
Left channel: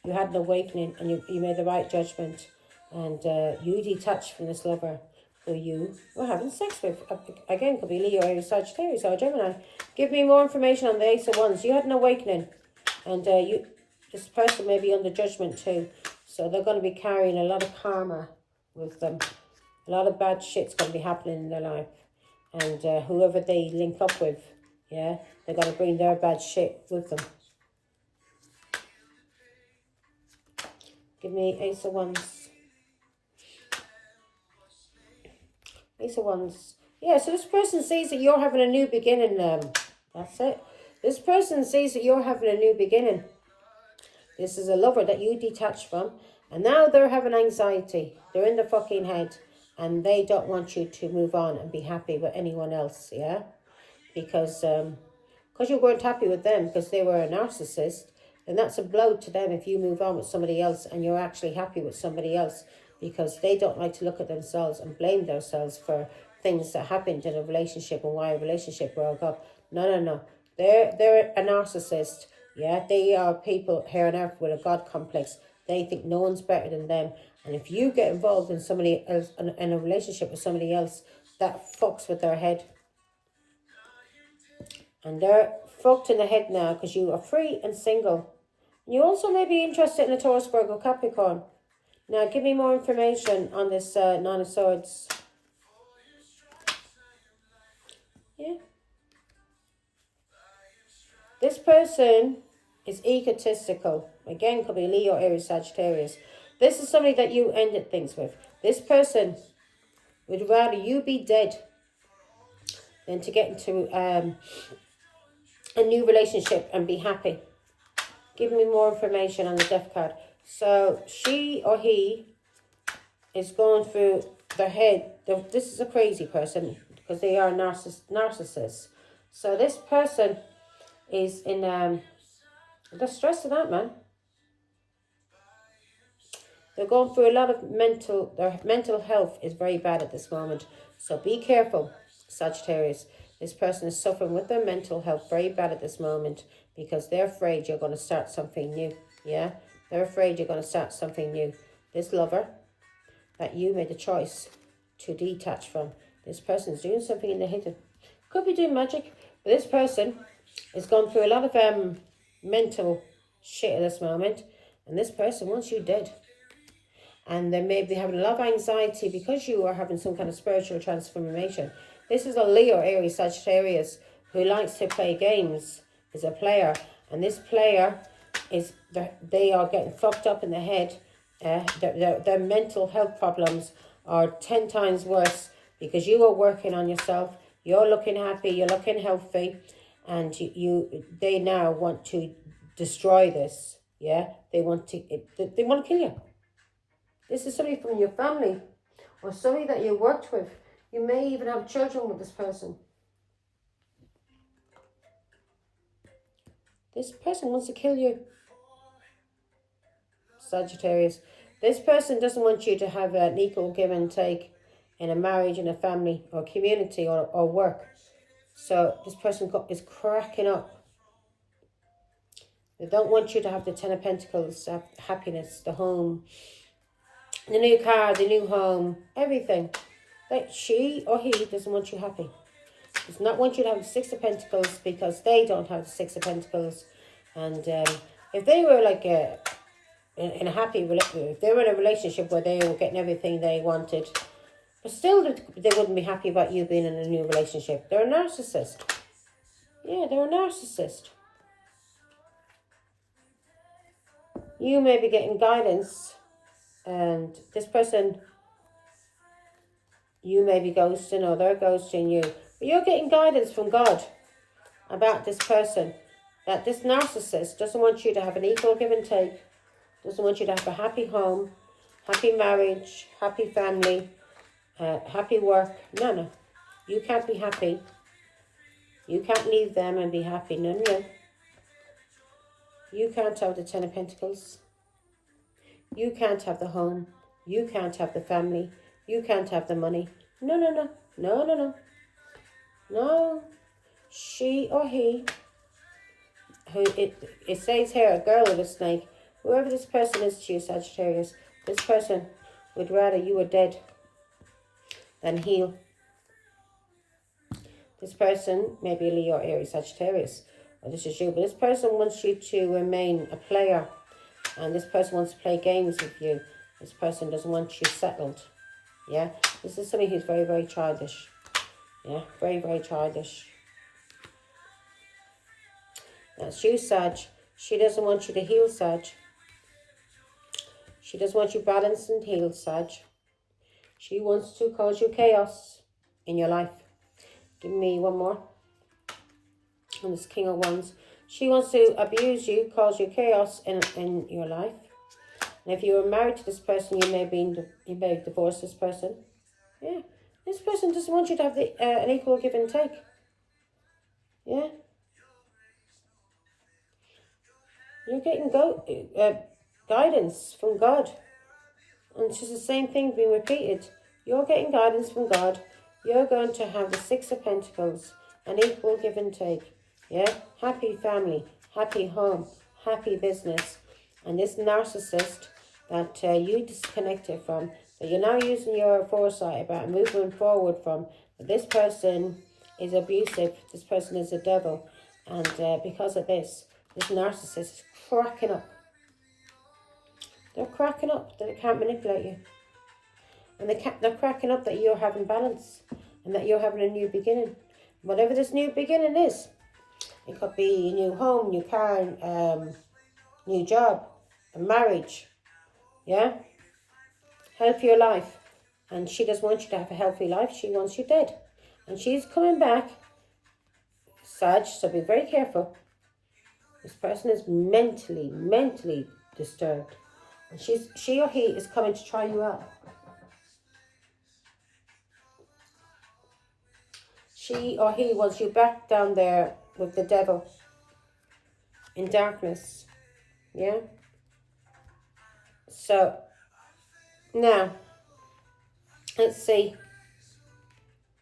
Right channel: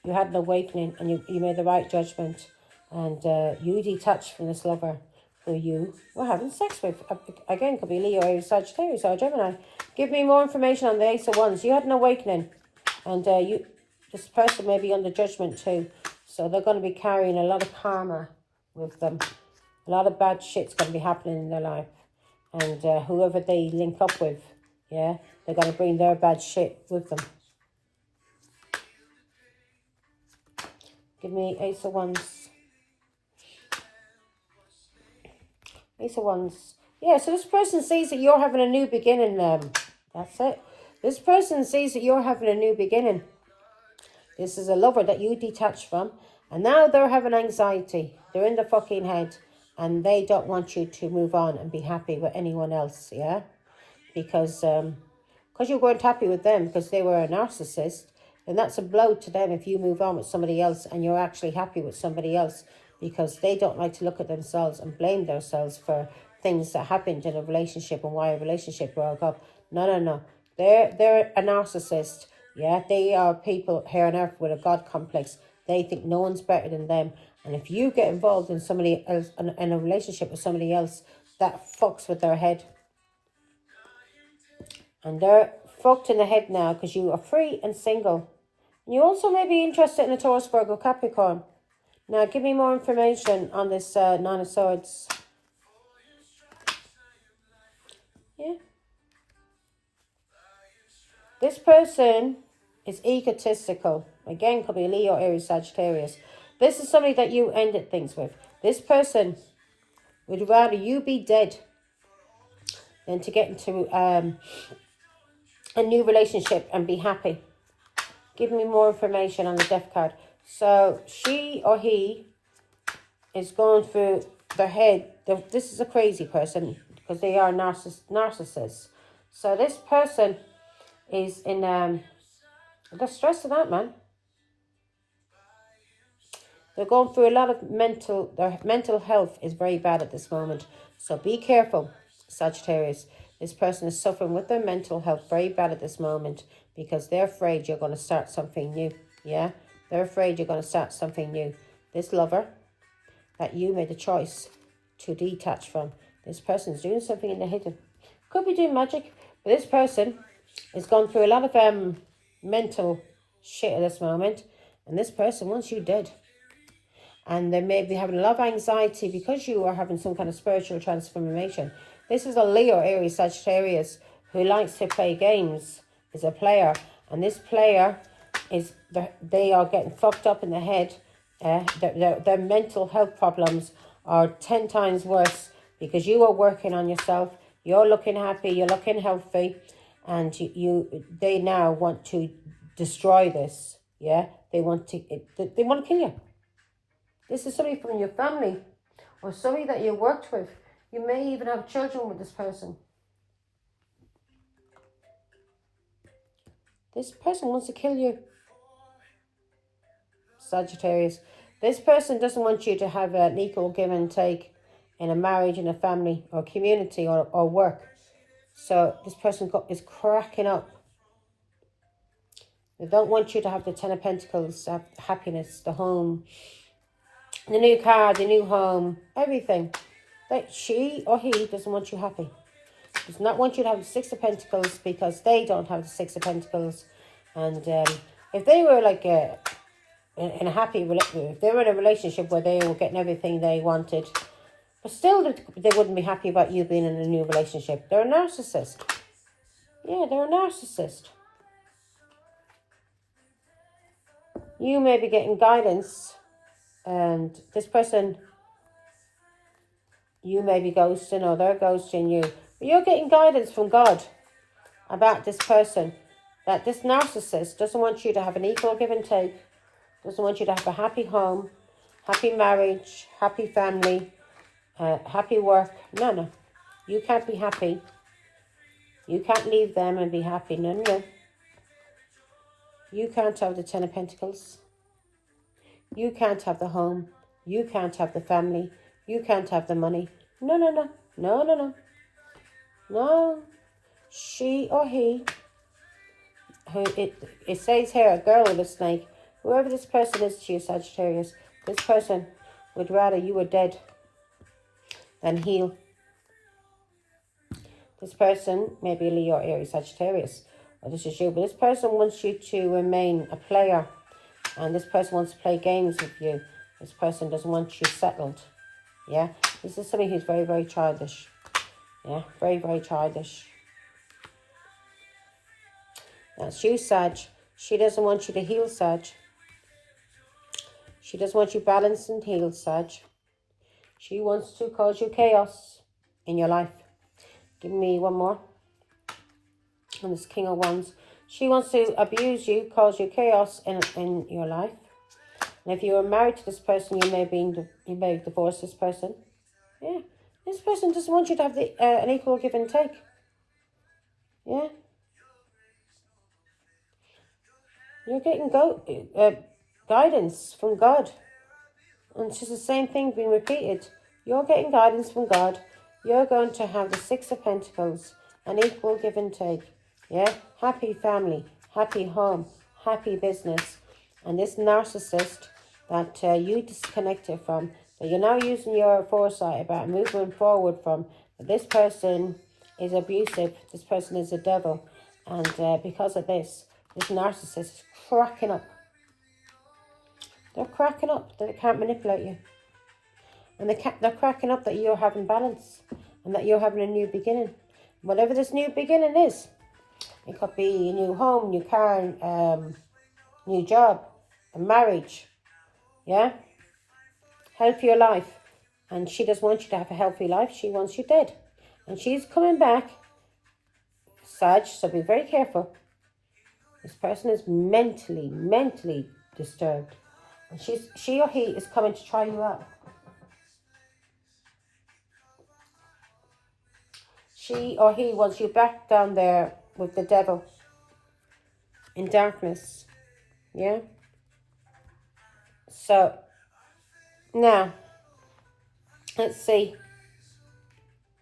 You had an awakening and you made the right judgment. And you detached from this lover who you were having sex with. Again, could be Leo, Aries, Sagittarius, or Gemini. Give me more information on the Ace of Wands. You had an awakening. And this person may be under judgment too. So they're going to be carrying a lot of karma with them. A lot of bad shit's going to be happening in their life. And whoever they link up with, yeah, they're going to bring their bad shit with them. Give me Ace of Wands. Ace of Wands. Yeah, so this person sees that you're having a new beginning. That's it. This person sees that you're having a new beginning. This is a lover that you detached from. And now they're having anxiety. They're in the fucking head. And they don't want you to move on and be happy with anyone else, yeah? Because you weren't happy with them because they were a narcissist. And that's a blow to them if you move on with somebody else and you're actually happy with somebody else. Because they don't like to look at themselves and blame themselves for things that happened in a relationship and why a relationship broke up. No. They're a narcissist, yeah? They are people here on earth with a God complex. They think no one's better than them. And if you get involved in somebody else, in a relationship with somebody else, that fucks with their head. And they're fucked in the head now because you are free and single. And you also may be interested in a Taurus, Virgo, Capricorn. Now, give me more information on this Nine of Swords. Yeah. This person is egotistical. Again, could be Leo, Aries, Sagittarius. This is somebody that you ended things with. This person would rather you be dead than to get into a new relationship and be happy. Give me more information on the Death card. So she or he is going through their head. This is a crazy person because they are narcissists. So this person is in they're stressing out, man. They're going through a lot of their mental health is very bad at this moment. So be careful, Sagittarius. This person is suffering with their mental health very bad at this moment because they're afraid you're going to start something new. Yeah? They're afraid you're going to start something new. this lover that you made the choice to detach from. This person is doing something in the hidden. Could be doing magic, but this person has gone through a lot of mental shit at this moment, and this person wants you dead. And they may be having a lot of anxiety because you are having some kind of spiritual transformation. This is a Leo, Aries, Sagittarius who likes to play games, is a player. And this player, they are getting fucked up in the head. Their mental health problems are 10 times worse because you are working on yourself. You're looking happy, you're looking healthy. And they now want to destroy this. Yeah, they want to kill you. This is somebody from your family or somebody that you worked with. You may even have children with this person. This person wants to kill you, Sagittarius. This person doesn't want you to have an equal give and take in a marriage, in a family or community or work. So this person is cracking up. They don't want you to have the 10 of Pentacles, happiness, the home, the new car, the new home, everything. That she or he doesn't want you happy. Does not want you to have the 6 of Pentacles because they don't have the 6 of Pentacles. And if they were like in a happy relationship, if they were in a relationship where they were getting everything they wanted, but still they wouldn't be happy about you being in a new relationship. They're a narcissist. Yeah, they're a narcissist. You may be getting guidance, and this person, you may be ghosting or they're ghosting you. But you're getting guidance from God about this person. That this narcissist doesn't want you to have an equal give and take. Doesn't want you to have a happy home, happy marriage, happy family, happy work. No. You can't be happy. You can't leave them and be happy. No. You can't have the 10 of Pentacles. You can't have the home. You can't have the family. You can't have the money. No. No. She or he, who it says here, a girl with a snake, whoever this person is to you, Sagittarius, this person would rather you were dead than heal. This person may be Leo, Aries, Sagittarius, or this is you, but this person wants you to remain a player, and this person wants to play games with you. This person doesn't want you settled. Yeah, this is somebody who's very, very childish. Yeah, very, very childish. That's you, Sag. She doesn't want you to heal, Sag. She doesn't want you balanced and healed, Sag. She wants to cause you chaos in your life. Give me one more. And this King of Wands. She wants to abuse you, cause you chaos in your life. And if you are married to this person, you may divorce this person. Yeah. This person doesn't want you to have an equal give and take. Yeah. You're getting guidance from God. And it's just the same thing being repeated. You're getting guidance from God. You're going to have the 6 of Pentacles, an equal give and take. Yeah? Happy family, happy home, happy business. And this narcissist that you disconnected from, that you're now using your foresight about moving forward from, this person is abusive. This person is a devil. And because of this narcissist is cracking up. They're cracking up that they can't manipulate you. And they're cracking up that you're having balance and that you're having a new beginning. Whatever this new beginning is. It could be a new home, new car, new job, a marriage. Yeah? Healthier life. And she doesn't want you to have a healthy life. She wants you dead. And she's coming back, Sag, so be very careful. This person is mentally disturbed. And she or he is coming to try you out. She or he wants you back down there with the devil in darkness. Yeah? So, now, let's see.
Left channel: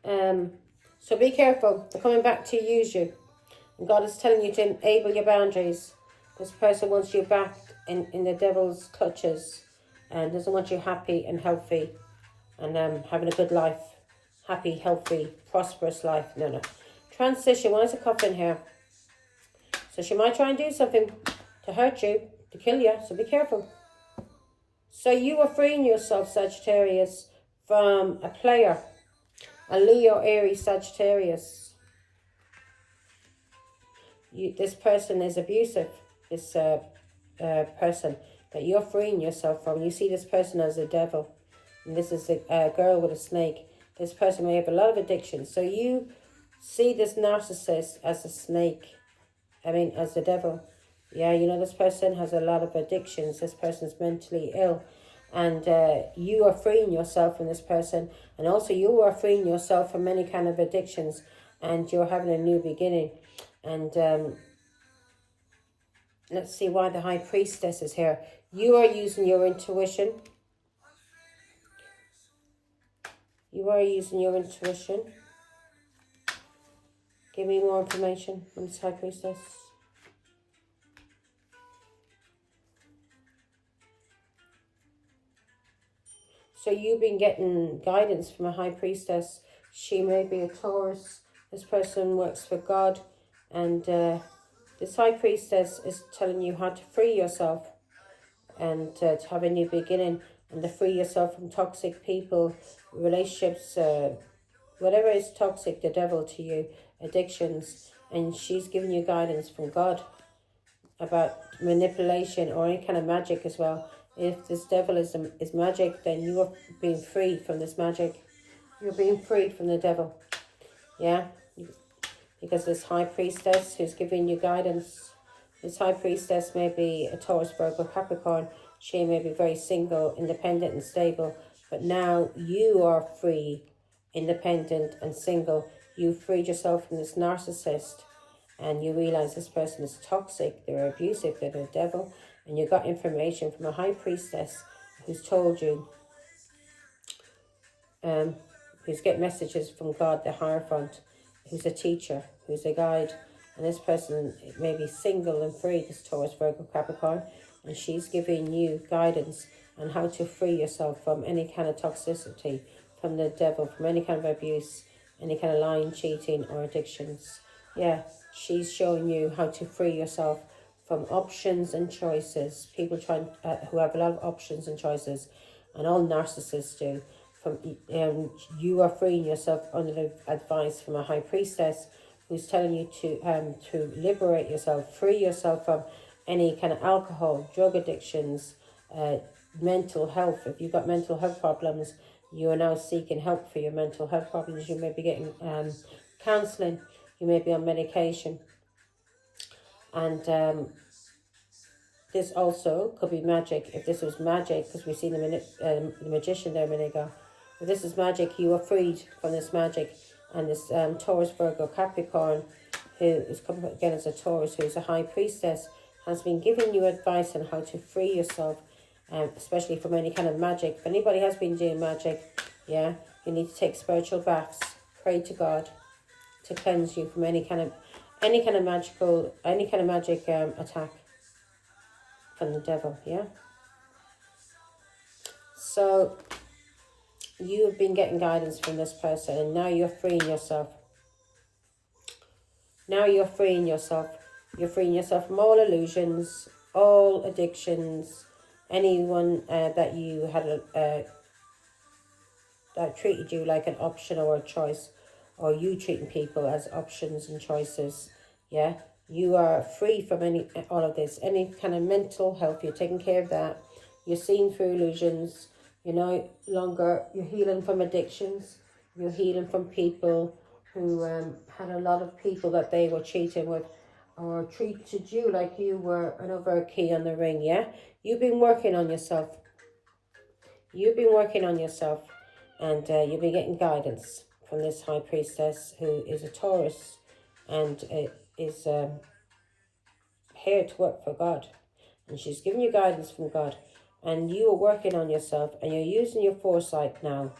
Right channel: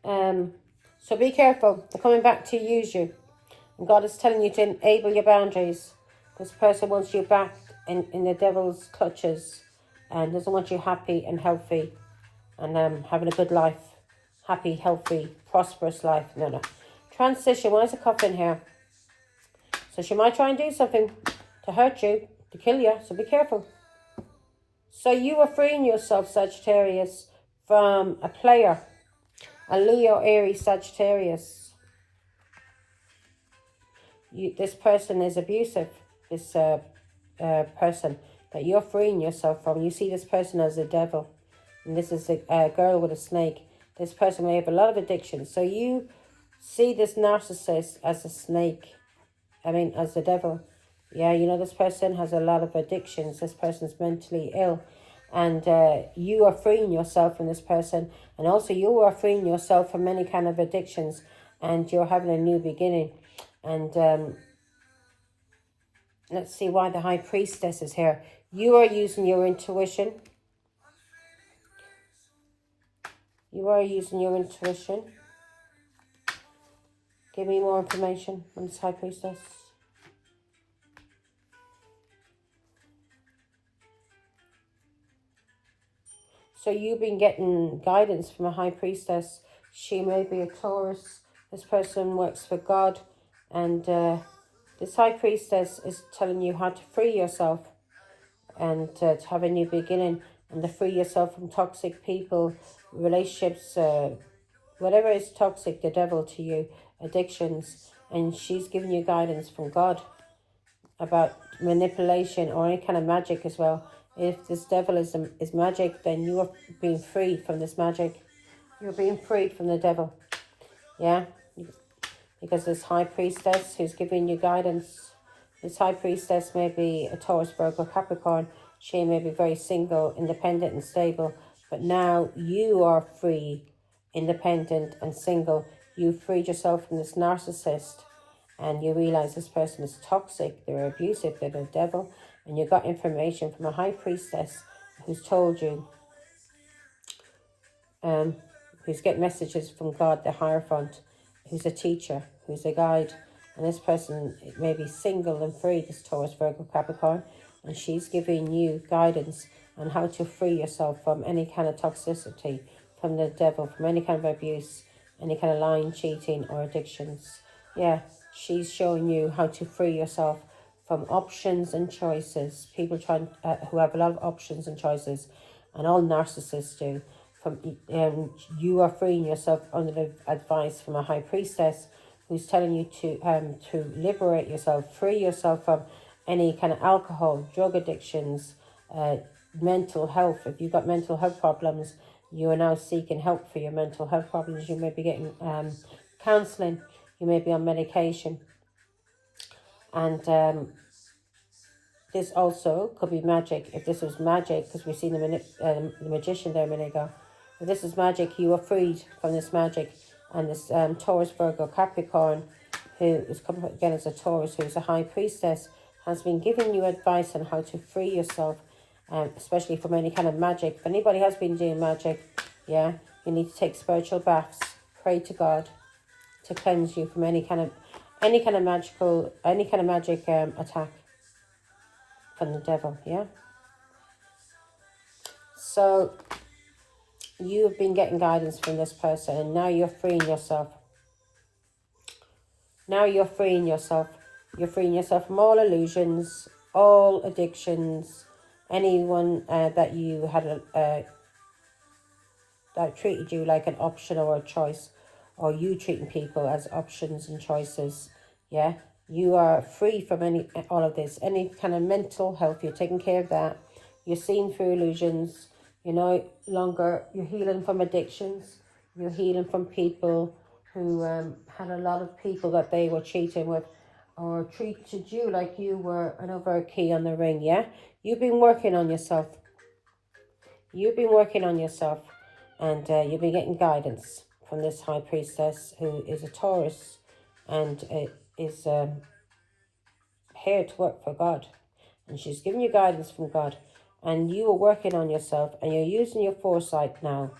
So be careful. They're coming back to use you. And God is telling you to enable your boundaries. This person wants you back in the devil's clutches. and doesn't want you happy and healthy and having a good life. Happy, healthy, prosperous life. No. Transition. Why is a coffin here? So she might try and do something to hurt you, to kill you, so be careful. So you are freeing yourself, Sagittarius, from a player, a Leo, Aries, Sagittarius. This person is abusive, this person that you're freeing yourself from. You see this person as a devil, and this is a girl with a snake. This person may have a lot of addictions. So you see this narcissist as a snake, as the devil. Yeah, you know, this person has a lot of addictions. This person's mentally ill. And you are freeing yourself from this person. And also you are freeing yourself from many kind of addictions. And you're having a new beginning. And let's see why the High Priestess is here. You are using your intuition. You are using your intuition. Give me more information on this High Priestess. So you've been getting guidance from a High Priestess. She may be a Taurus. This person works for God. And this High Priestess is telling you how to free yourself and to have a new beginning and to free yourself from toxic people, relationships, whatever is toxic, the devil to you, addictions. And she's giving you guidance from God about manipulation or any kind of magic as well. If this devil is magic, then you are being freed from this magic. You're being freed from the devil. Yeah? Because this High Priestess who's giving you guidance, this High Priestess may be a Taurus, Virgo, Capricorn. She may be very single, independent and stable. But now you are free, independent and single. You freed yourself from this narcissist. And you realize this person is toxic, they're abusive, they're the devil. And you got information from a High Priestess who's told you, who's getting messages from God, the Hierophant, who's a teacher, who's a guide. And this person may be single and free, this Taurus, Virgo, Capricorn. And she's giving you guidance on how to free yourself from any kind of toxicity, from the devil, from any kind of abuse, any kind of lying, cheating or addictions. Yeah, she's showing you how to free yourself from options and choices. People who have a lot of options and choices, and all narcissists do. You are freeing yourself under the advice from a High Priestess who's telling you to liberate yourself, free yourself from any kind of alcohol, drug addictions, mental health. If you've got mental health problems, you are now seeking help for your mental health problems. You may be getting counselling. You may be on medication. And this also could be magic. If this was magic, because we've seen the magician there a minute ago. If this is magic, you are freed from this magic. And this Taurus, Virgo, Capricorn, who is coming again as a Taurus, who is a High Priestess, has been giving you advice on how to free yourself, especially from any kind of magic. If anybody has been doing magic, yeah, you need to take spiritual baths, pray to God to cleanse you from any kind of magic attack from the devil. Yeah. So you've been getting guidance from this person, and now you're freeing yourself. Now you're freeing yourself. You're freeing yourself from all illusions, all addictions, anyone that you had that treated you like an option or a choice, or you treating people as options and choices. Yeah, you are free from all of this, any kind of mental health. You're taking care of that. You're seeing through illusions. You're no longer, you're healing from addictions. You're healing from people who had a lot of people that they were cheating with, or treated you like you were another key on the ring. Yeah, you've been working on yourself. You've been working on yourself, and you'll be getting guidance from this High Priestess who is a Taurus and is here to work for God. And she's giving you guidance from God. And you are working on yourself, and you're using your foresight now,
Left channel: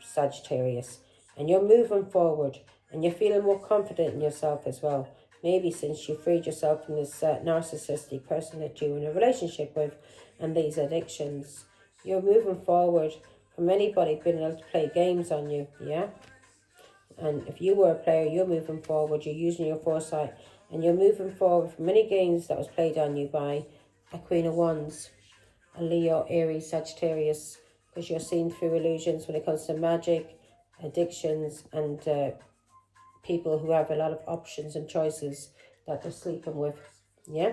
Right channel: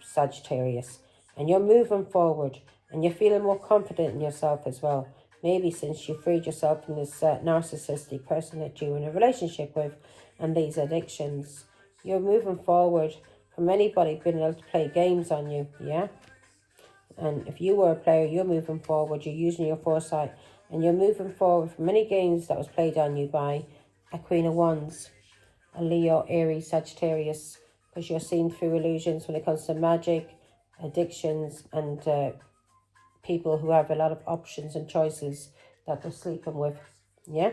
Sagittarius. And you're moving forward, and you're feeling more confident in yourself as well. Maybe since you freed yourself from this narcissistic person that you're in a relationship with. and these addictions. You're moving forward from anybody being able to play games on you, yeah? And if you were a player, you're moving forward, you're using your foresight, and you're moving forward from many games that was played on you by a Queen of Wands, a Leo, Aries, Sagittarius, because you're seeing through illusions when it comes to magic, addictions, and people who have a lot of options and choices that they're sleeping with, yeah?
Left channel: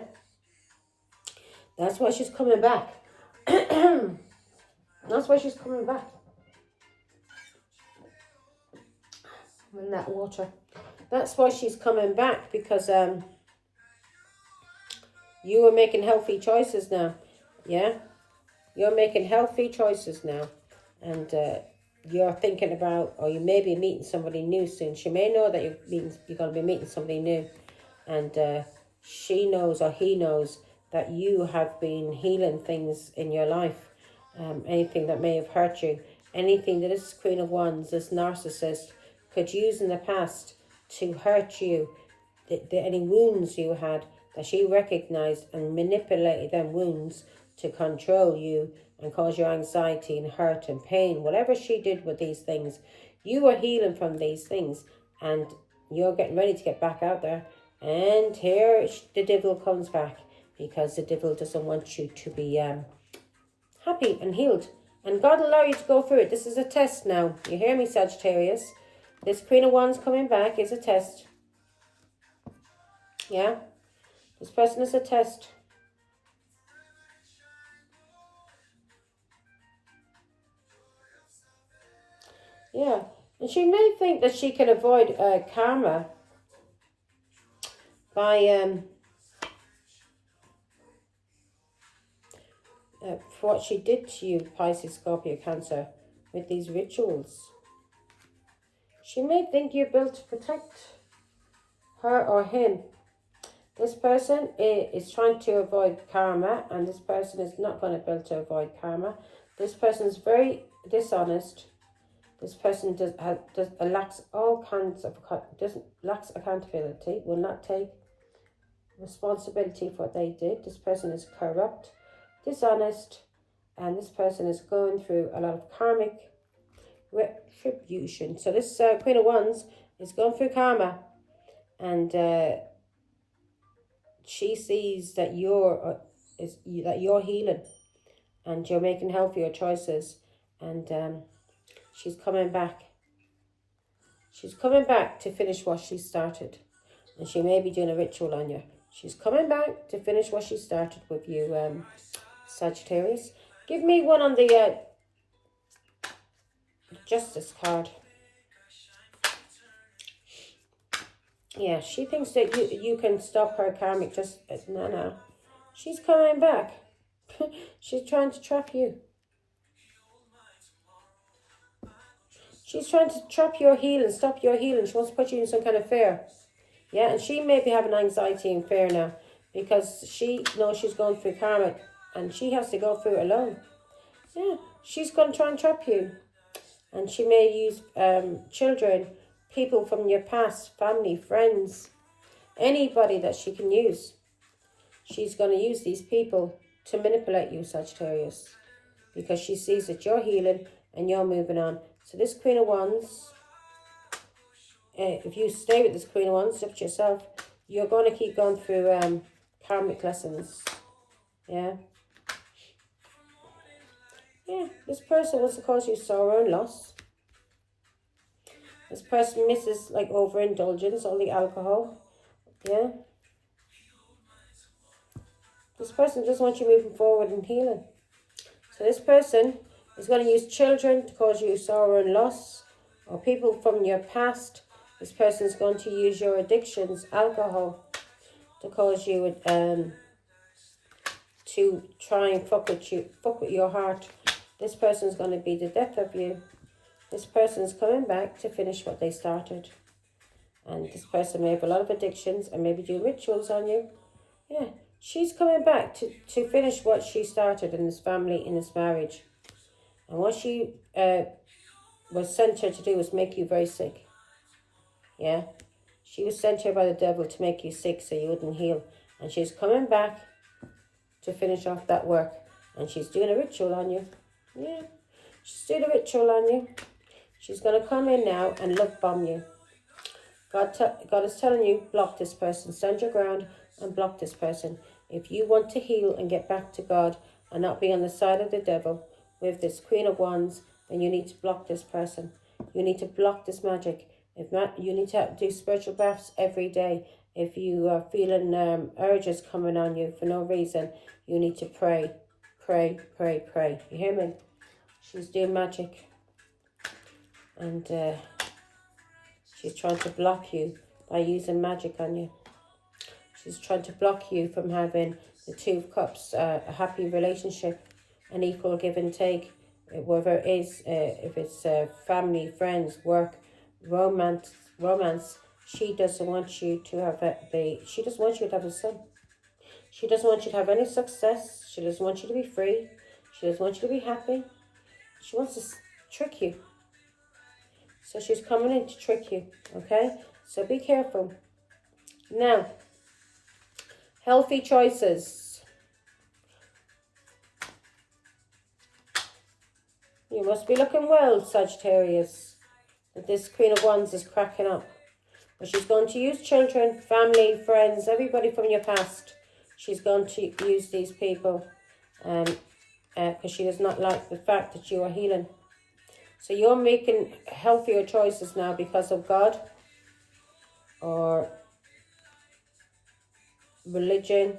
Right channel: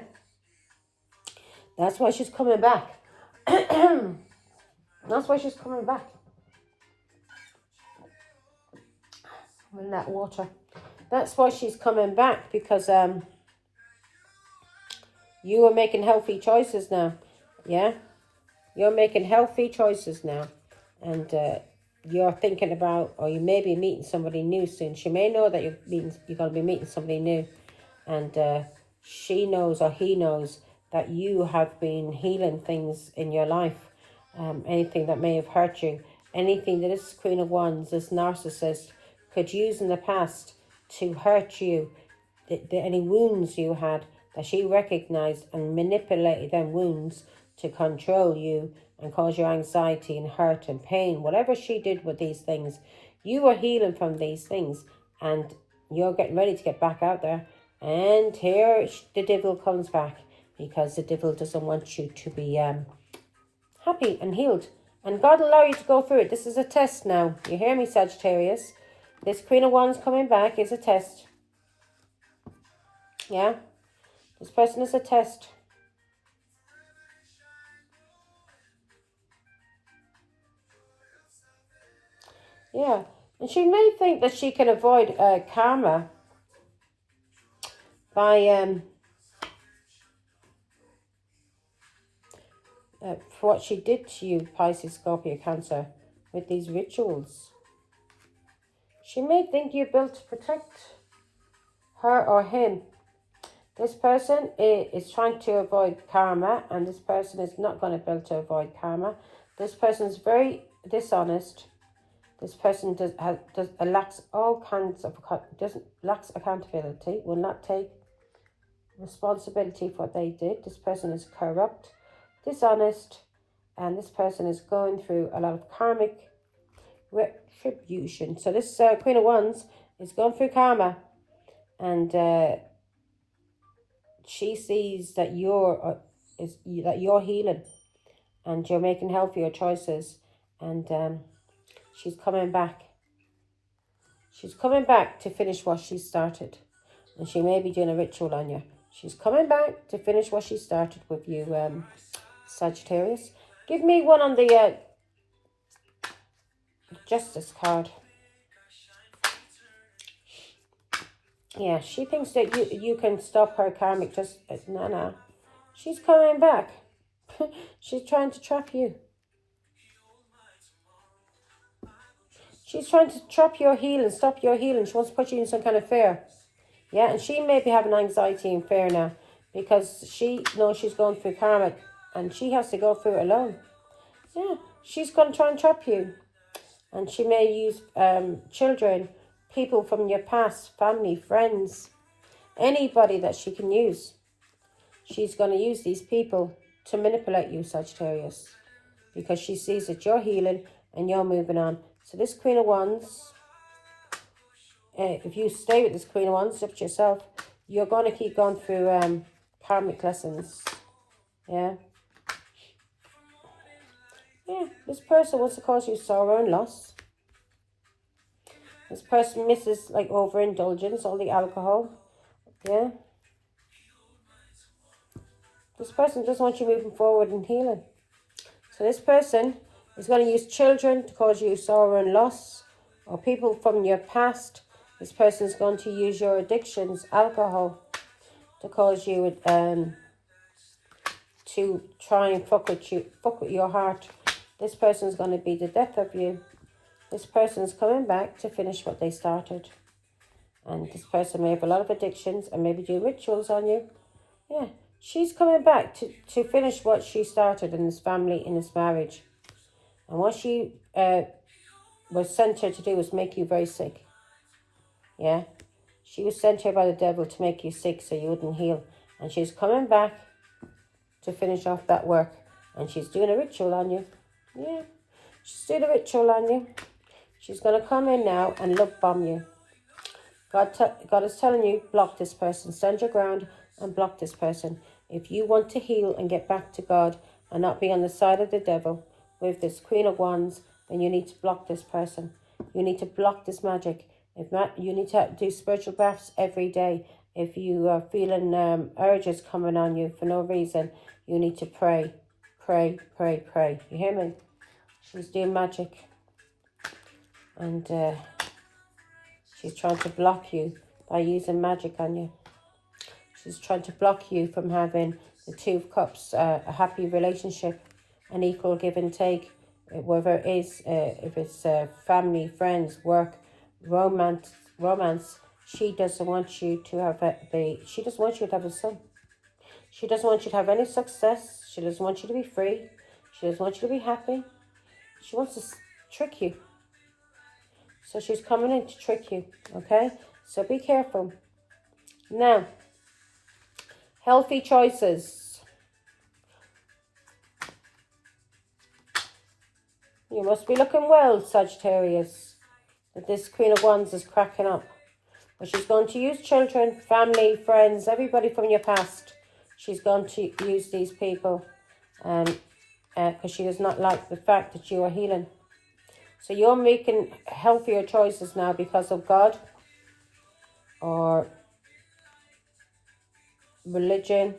That's why she's coming back. That's why she's coming back. In that water. That's why she's coming back, because you are making healthy choices now. Yeah? You're making healthy choices now. And you're thinking about, or you may be meeting somebody new soon. She may know that you're going to be meeting somebody new. And she knows, or he knows, that you have been healing things in your life. Anything that may have hurt you. Anything that this Queen of Wands, this narcissist, could use in the past to hurt you. Any wounds you had, that she recognized and manipulated them wounds to control you and cause you anxiety and hurt and pain. Whatever she did with these things, you were healing from these things, and you're getting ready to get back out there. And here the devil comes back, because the devil doesn't want you to be happy and healed. And God will allow you to go through it. This is a test now. You hear me, Sagittarius? This Queen of Wands coming back is a test. Yeah? This person is a test. Yeah. And she may think that she can avoid karma by for what she did to you, Pisces, Scorpio, Cancer, with these rituals. She may think you're built to protect her or him. This person is trying to avoid karma, and this person is not going to be able to avoid karma. This person is very dishonest. This person lacks all kinds of, lacks accountability, will not take responsibility for what they did. This person is corrupt, dishonest, and this person is going through a lot of karmic retribution. So this Queen of Wands is going through karma, and she sees that you're healing, and you're making healthier choices, and she's coming back. She's coming back to finish what she started, and she may be doing a ritual on you. She's coming back to finish what she started with you, Sagittarius. Give me one on the Justice card. Yeah, she thinks that you can stop her karmic just... No. She's coming back. She's trying to trap you. She's trying to trap your healing, stop your healing. She wants to put you in some kind of fear. Yeah, and she may be having anxiety and fear now, because she knows she's going through karmic, and she has to go through it alone. Yeah, she's going to try and trap you. And she may use children, people from your past, family, friends, anybody that she can use. She's going to use these people to manipulate you, Sagittarius, because she sees that you're healing and you're moving on. So this Queen of Wands, if you stay with this Queen of Wands, up to yourself, you're going to keep going through karmic lessons. Yeah. Yeah, this person wants to cause you sorrow and loss. This person misses like overindulgence, all the alcohol. Yeah. This person doesn't want you moving forward and healing. So this person is going to use children to cause you sorrow and loss, or people from your past. This person is going to use your addictions, alcohol, to cause you to try and fuck with your heart. This person is going to be the death of you. This person is coming back to finish what they started. And this person may have a lot of addictions and maybe do rituals on you. Yeah, she's coming back to finish what she started in this family, in this marriage. And what she was sent here to do was make you very sick. Yeah, she was sent here by the devil to make you sick so you wouldn't heal. And she's coming back to finish off that work. And she's doing a ritual on you. Yeah, she's doing a ritual on you. She's going to come in now and love bomb you. God is telling you, block this person. Stand your ground and block this person. If you want to heal and get back to God and not be on the side of the devil with this Queen of Wands, then you need to block this person. You need to block this magic. You need to do spiritual baths every day. If you are feeling urges coming on you for no reason, you need to pray. Pray, pray, pray. You hear me? She's doing magic. And she's trying to block you by using magic on you. She's trying to block you from having the Two of Cups, a happy relationship, an equal give and take, whether it is, if it's family, friends, work, romance. She doesn't want you to have she doesn't want you to have a son. She doesn't want you to have any success. She doesn't want you to be free. She doesn't want you to be happy. She wants to trick you. So she's coming in to trick you, okay? So be careful. Now, healthy choices. You must be looking well, Sagittarius. That this Queen of Wands is cracking up. But she's going to use children, family, friends, everybody from your past. She's going to use these people because she does not like the fact that you are healing. So you're making healthier choices now because of God or religion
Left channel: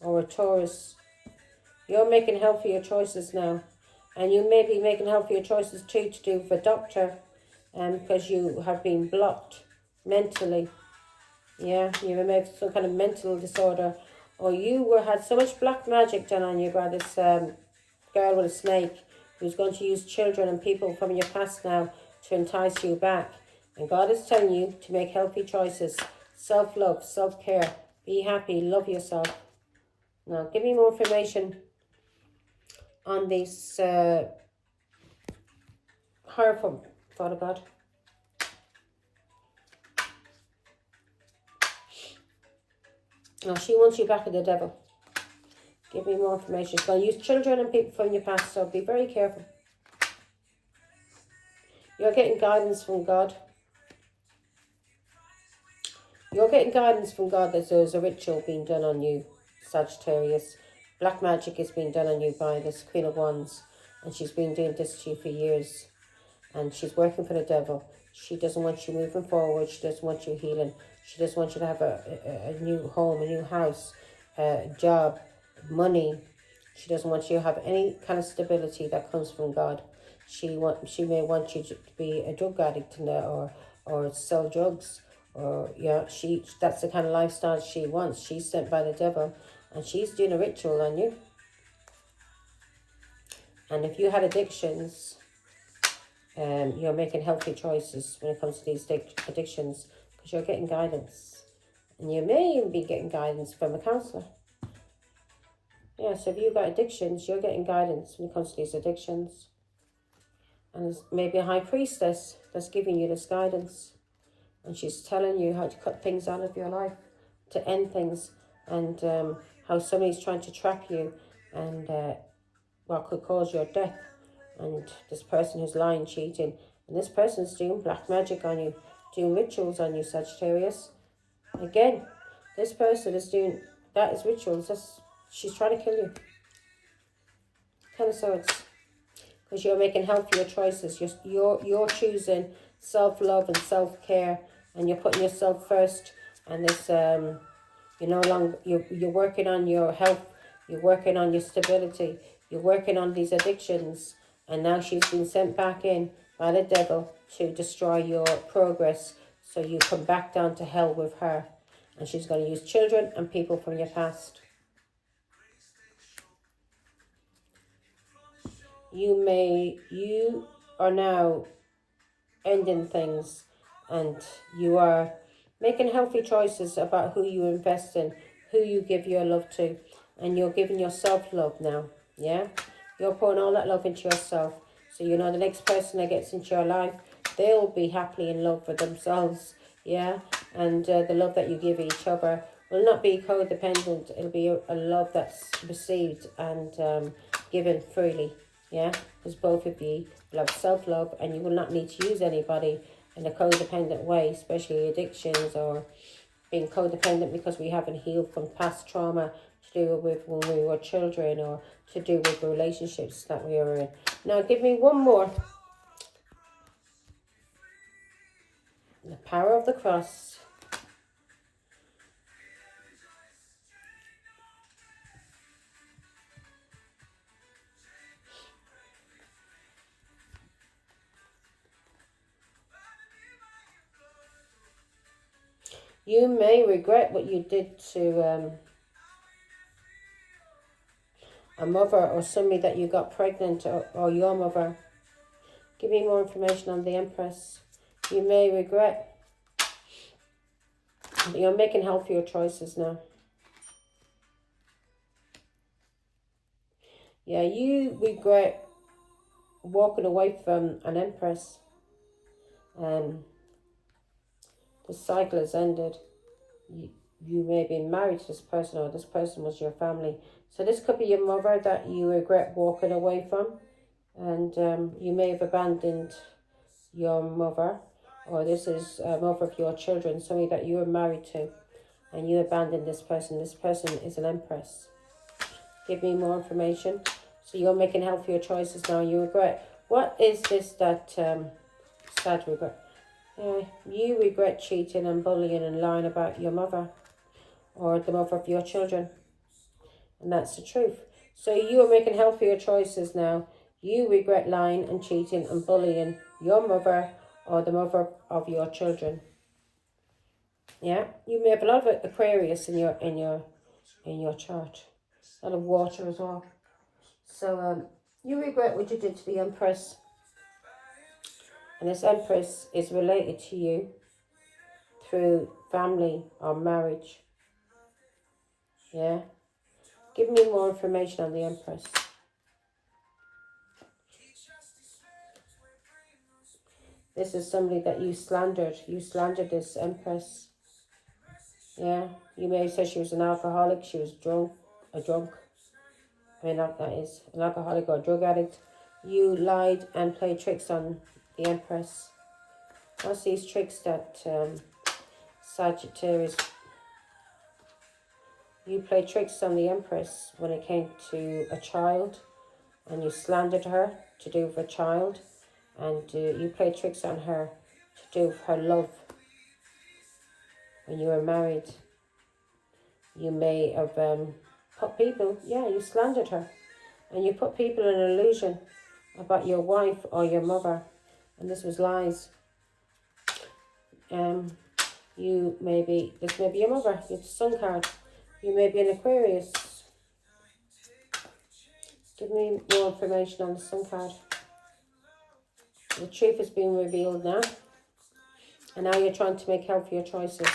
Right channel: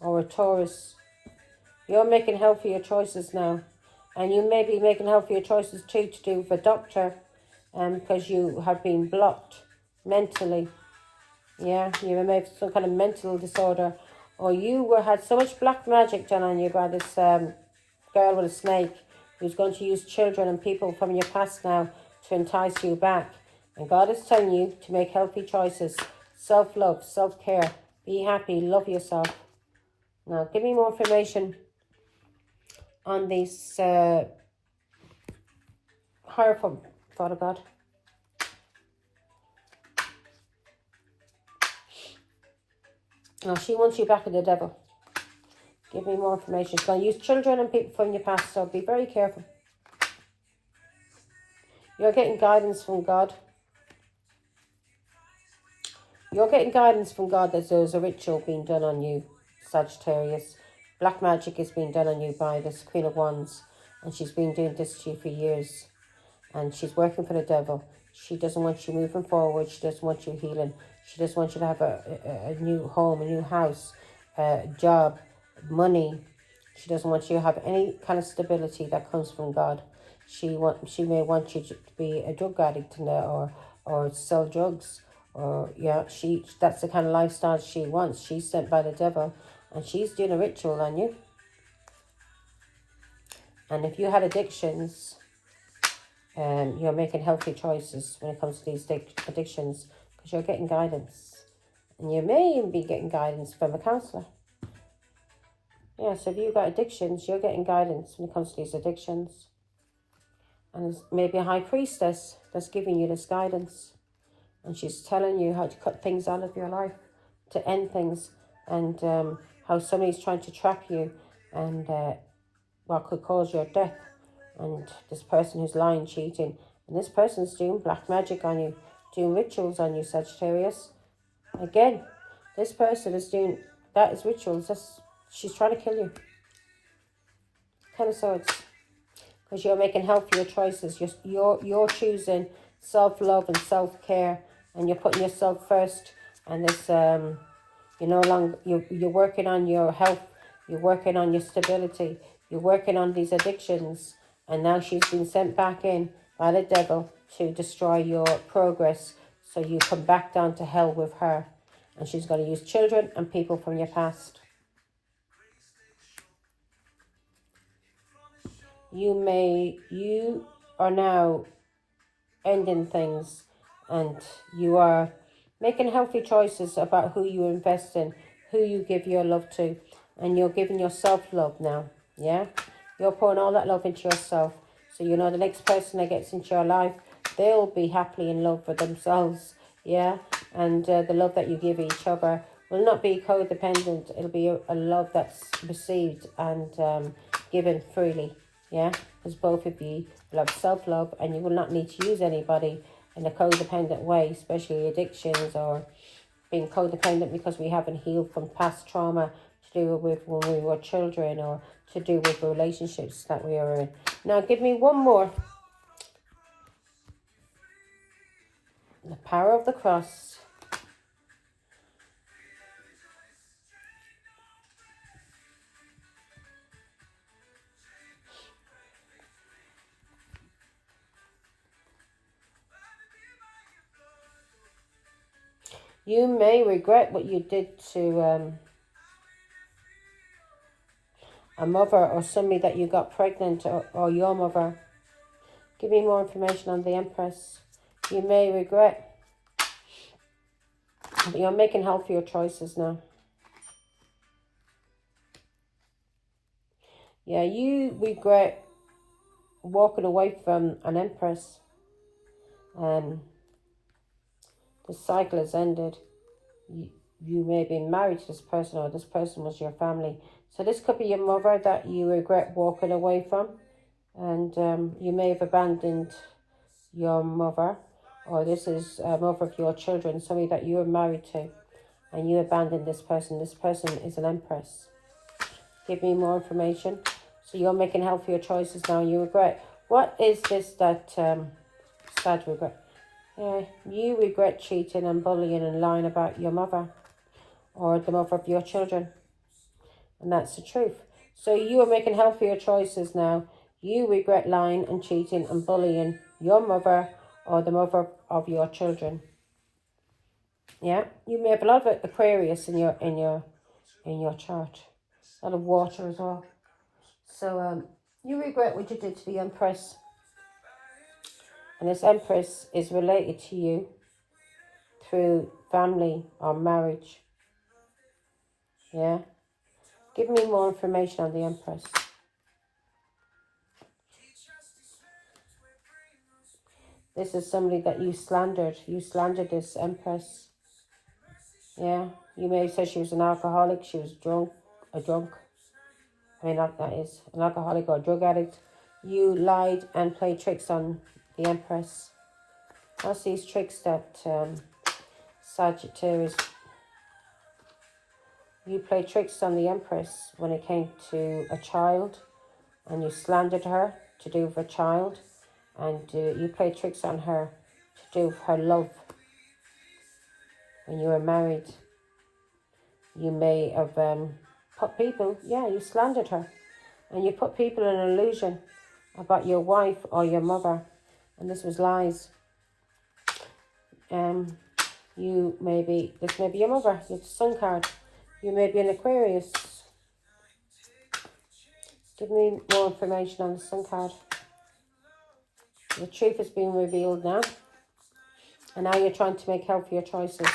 or a Taurus. You're making healthier choices now. And you may be making healthier choices too to do with a doctor because you have been blocked mentally. Yeah, you may have some kind of mental disorder. Or you had so much black magic done on you by this girl with a snake who's going to use children and people from your past now to entice you back. And God is telling you to make healthy choices. Self-love, self-care. Be happy, love yourself. Now, give me more information on these Hierophant, Father God. Now, she wants you back with the devil. Give me more information. She's going to use children and people from your past, so be very careful. You're getting guidance from God. You're getting guidance from God that there's a ritual being done on you, Sagittarius. Black magic is being done on you by this Queen of Wands. And she's been doing this to you for years. And she's working for the devil. She doesn't want you moving forward. She doesn't want you healing. She doesn't want you to have a new home, a new house, a job, money. She doesn't want you to have any kind of stability that comes from God. She may want you to be a drug addict or sell drugs. Or yeah, that's the kind of lifestyle she wants. She's sent by the devil. And she's doing a ritual on you. And if you had addictions, you're making healthy choices when it comes to these addictions because you're getting guidance. And you may even be getting guidance from a counsellor. Yeah, so if you've got addictions, you're getting guidance when it comes to these addictions. And there's maybe a high priestess that's giving you this guidance. And she's telling you how to cut things out of your life, to end things, and how somebody's trying to trap you and what could cause your death. And this person who's lying, cheating, and this person's doing black magic on you, doing rituals on you, Sagittarius. Again, this person is doing, that is rituals. She's trying to kill you. Ten of Swords. Because you're making healthier choices. You're choosing self-love and self-care, and you're putting yourself first. And this, you're working on your health. You're working on your stability. You're working on these addictions. And now she's been sent back in by the devil to destroy your progress. So you come back down to hell with her. And she's going to use children and people from your past. You are now ending things. And you are making healthy choices about who you invest in. Who you give your love to. And you're giving yourself love now. Yeah? You're pouring all that love into yourself. So you know the next person that gets into your life, they'll be happily in love with themselves. Yeah? And the love that you give each other will not be codependent. It'll be a love that's received and given freely, yeah? Because both of you will have self-love and you will not need to use anybody in a codependent way, especially addictions or being codependent because we haven't healed from past trauma to do with when we were children or to do with the relationships that we are in. Now give me one more. The power of the cross. You may regret what you did to a mother or somebody that you got pregnant or your mother. Give me more information on the Empress. You may regret, but you're making healthier choices now. Yeah, you regret walking away from an Empress. The cycle has ended. You may have been married to this person or this person was your family. So this could be your mother that you regret walking away from. And you may have abandoned your mother. Or this is a mother of your children, somebody that you were married to. And you abandoned this person. This person is an Empress. Give me more information. So you're making healthier choices now. You regret. What is this that sad regret? You regret cheating and bullying and lying about your mother or the mother of your children. And that's the truth. So you are making healthier choices now. You regret lying and cheating and bullying your mother or the mother of your children. Yeah, you may have a lot of Aquarius in your chart. A lot of water as well. So you regret what you did to the Empress. And this Empress is related to you through family or marriage. Yeah. Give me more information on the Empress. This is somebody that you slandered. You slandered this Empress. Yeah. You may have said she was an alcoholic. She was a drunk. I mean, that is an alcoholic or a drug addict. You lied and played tricks on the Empress. What's these tricks that Sagittarius? You played tricks on the Empress when it came to a child, and you slandered her to do with a child, and you played tricks on her to do with her love. When you were married, you may have put people, you slandered her, and you put people in an illusion about your wife or your mother, and this was lies. This may be your mother, it's the Sun card. You may be an Aquarius. Give me more information on the Sun card. The truth has been revealed now. And now you're trying to make healthier choices.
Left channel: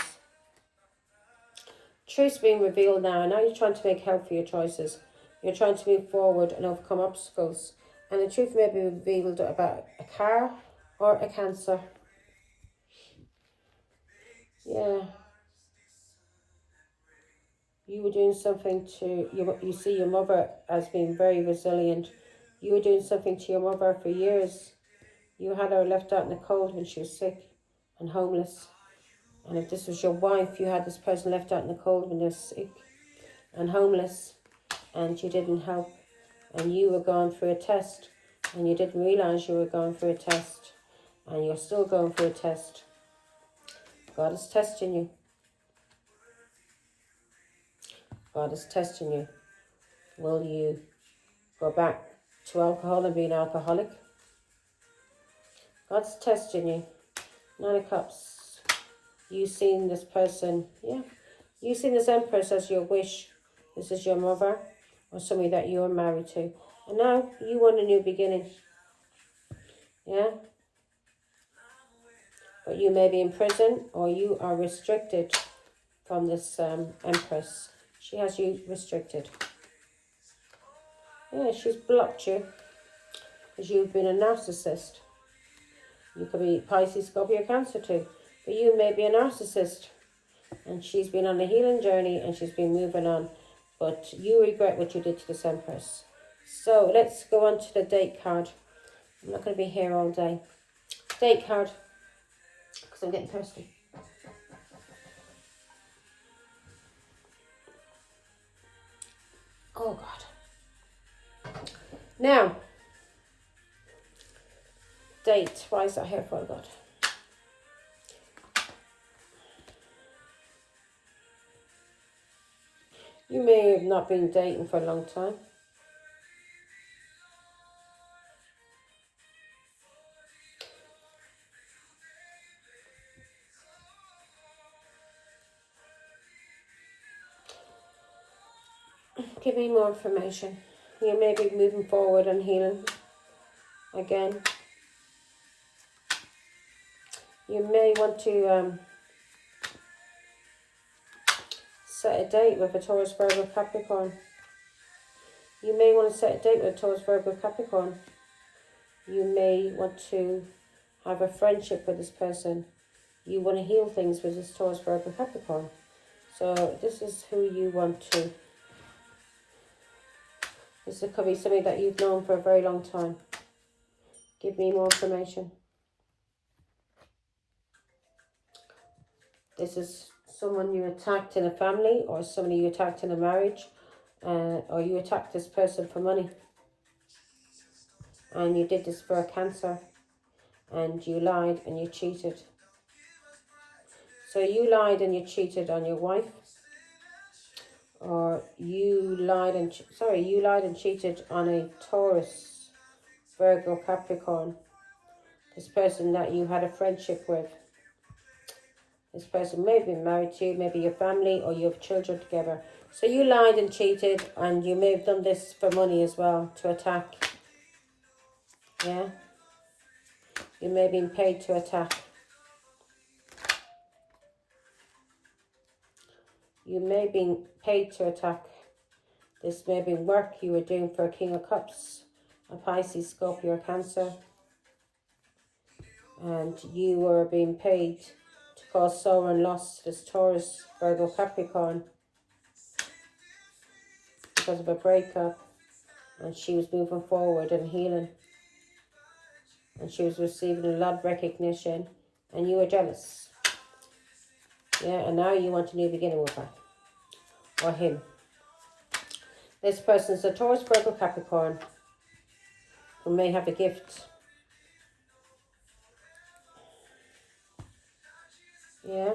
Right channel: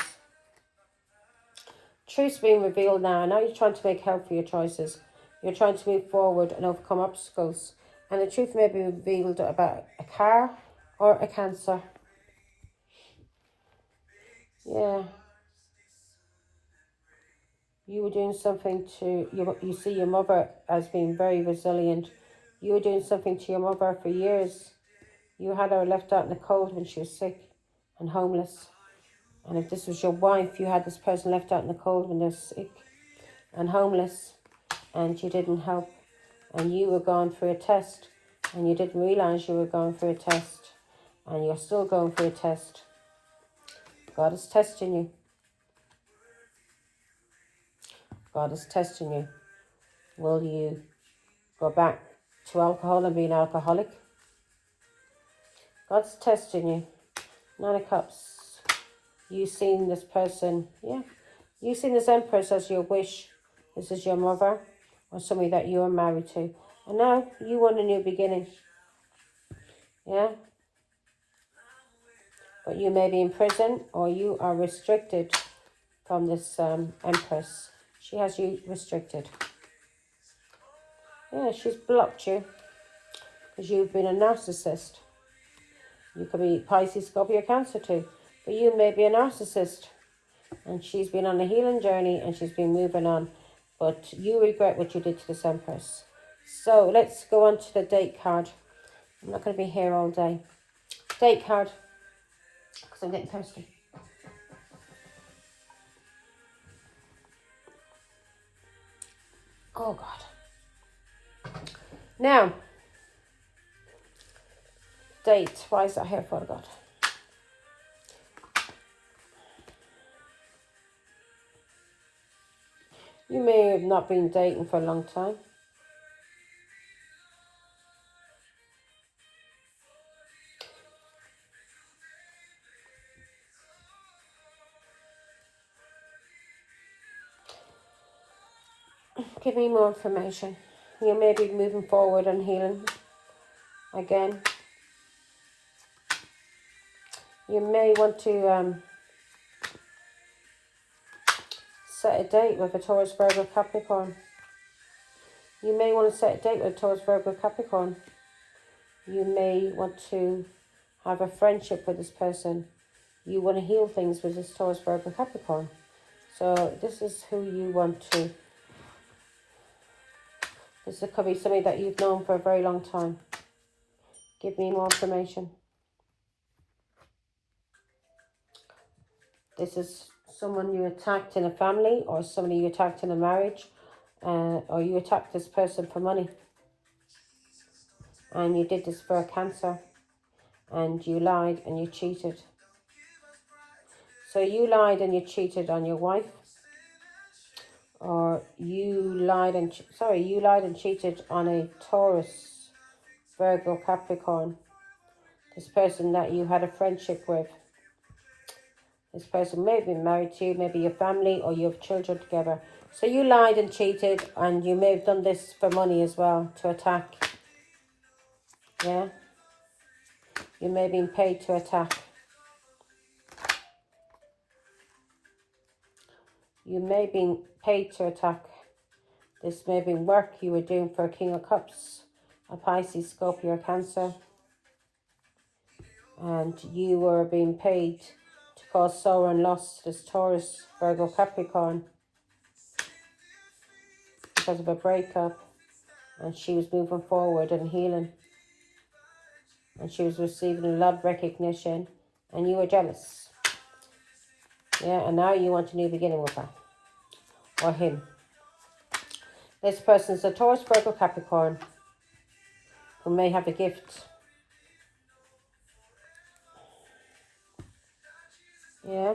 Truth's being revealed now. And now you're trying to make healthier choices. You're trying to move forward and overcome obstacles. And the truth may be revealed about a car or a cancer. Yeah. You were doing something to, you see your mother as being very resilient. You were doing something to your mother for years. You had her left out in the cold when she was sick and homeless. And if this was your wife, you had this person left out in the cold when they're sick and homeless. And you didn't help. And you were going through a test. And you didn't realise you were going through a test. And you're still going through a test. God is testing you. God is testing you. Will you go back to alcohol and be an alcoholic? God's testing you. 9 of Cups. You've seen this person, You've seen this Empress as your wish. This is your mother or somebody that you are married to. And now you want a new beginning. Yeah? But you may be in prison or you are restricted from this Empress. She has you restricted. Yeah, she's blocked you because you've been a narcissist. You could be Pisces, Scorpio, Cancer too. But you may be a narcissist. And she's been on a healing journey and she's been moving on. But you regret what you did to this Empress. So let's go on to the date card. I'm not going to be here all day. Date card, because I'm getting thirsty. Oh God. Now, date. Why is that here for, God? You may have not been dating for a long time. Give me more information. You may be moving forward and healing again. You may want to set a date with a Taurus, Virgo, Capricorn. You may want to set a date with a Taurus, Virgo, Capricorn. You may want to have a friendship with this person. You want to heal things with this Taurus, Virgo, Capricorn. So this is who you want to. This could be somebody that you've known for a very long time. Give me more information. This is someone you attacked in a family, or somebody you attacked in a marriage, or you attacked this person for money. And you did this for a cancer, and you lied and you cheated. So you lied and you cheated on your wife, or you lied and cheated on a Taurus, Virgo, Capricorn. This person that you had a friendship with. This person may be married to you, maybe your family, or you have children together. So you lied and cheated, and you may have done this for money as well, to attack. Yeah? You may have been paid to attack. You may have been paid to attack. This may have been work you were doing for a King of Cups, a Pisces, Scorpio, Cancer. And you were being paid to cause sorrow and loss to this Taurus, Virgo, Capricorn, because of a breakup. And she was moving forward and healing. And she was receiving a lot of recognition. And you were jealous. Yeah, and now you want a new beginning with her. Or him. This person is a Taurus, Virgo, Capricorn, who may have a gift. Yeah.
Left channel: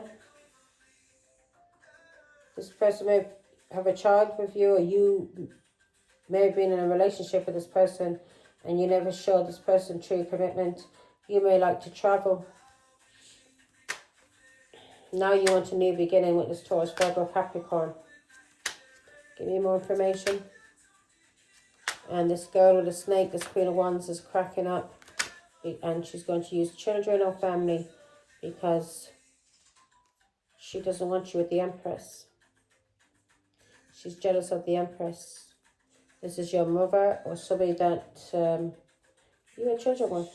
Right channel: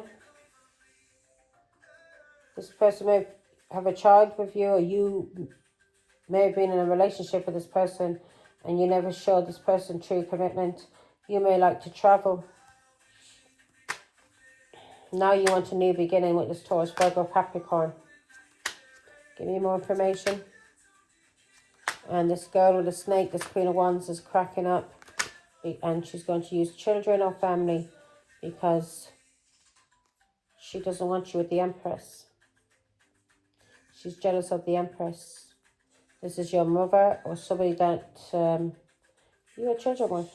This person may have a child with you, or you may have been in a relationship with this person and you never showed this person true commitment. You may like to travel. Now you want a new beginning with this Taurus, Virgo, Capricorn. Give me more information. And this girl with the snake, this Queen of Wands, is cracking up. And she's going to use children or family because she doesn't want you with the Empress. She's jealous of the Empress. This is your mother or somebody that you had children with.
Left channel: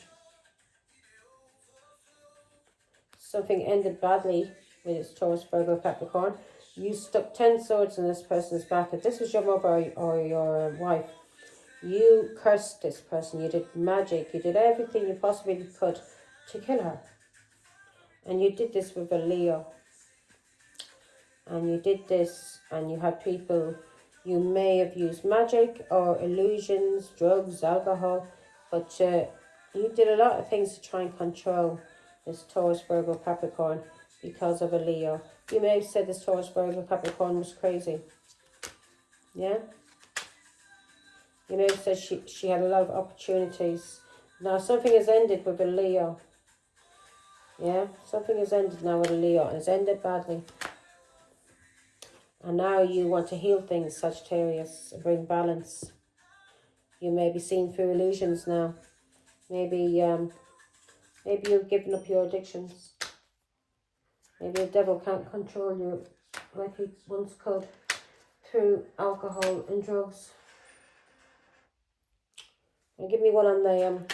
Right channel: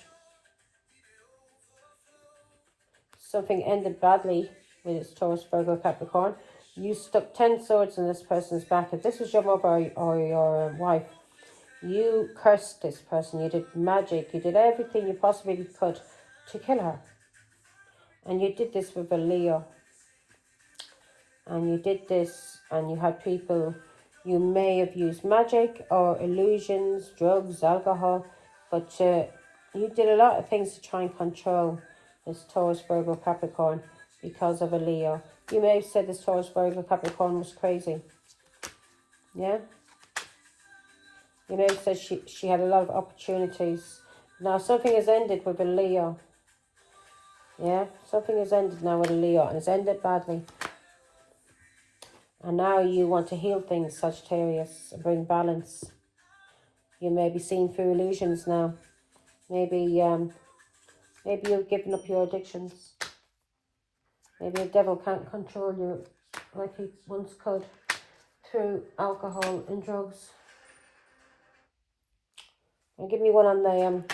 Something ended badly with its Taurus, Virgo, Capricorn. You stuck 10 swords in this person's back. If this was your mother or your wife, you cursed this person. You did magic. You did everything you possibly could to kill her. And you did this with a Leo. And you did this and you had people, you may have used magic or illusions, drugs, alcohol, but you did a lot of things to try and control this Taurus, Virgo, Capricorn because of a Leo. You may have said this Taurus, Virgo, Capricorn was crazy. Yeah? You may have said she had a lot of opportunities. Now something has ended with a Leo. Yeah? Something has ended now with a Leo, and it's ended badly. And now you want to heal things, Sagittarius, and bring balance. You may be seeing through illusions now. Maybe you've given up your addictions. Maybe the devil can't control you like he once could through alcohol and drugs. And give me one on the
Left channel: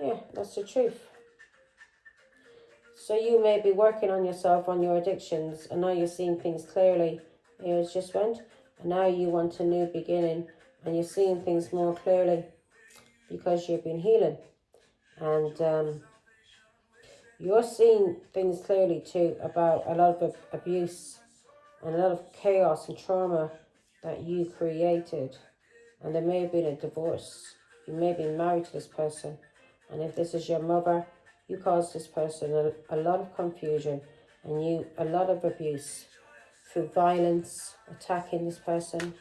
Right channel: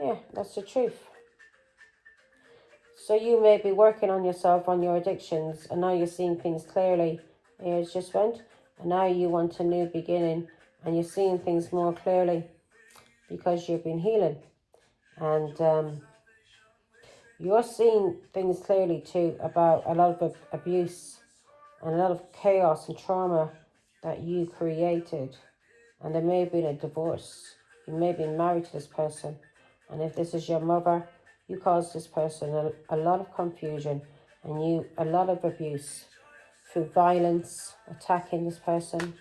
yeah, that's the truth. So you may be working on yourself, on your addictions, and now you're seeing things clearly, Years just went. And now you want a new beginning. And you're seeing things more clearly because you've been healing. And you're seeing things clearly too about a lot of abuse and a lot of chaos and trauma that you created. And there may have been a divorce. You may have been married to this person. And if this is your mother, you caused this person a lot of confusion and a lot of abuse through violence, attacking this person.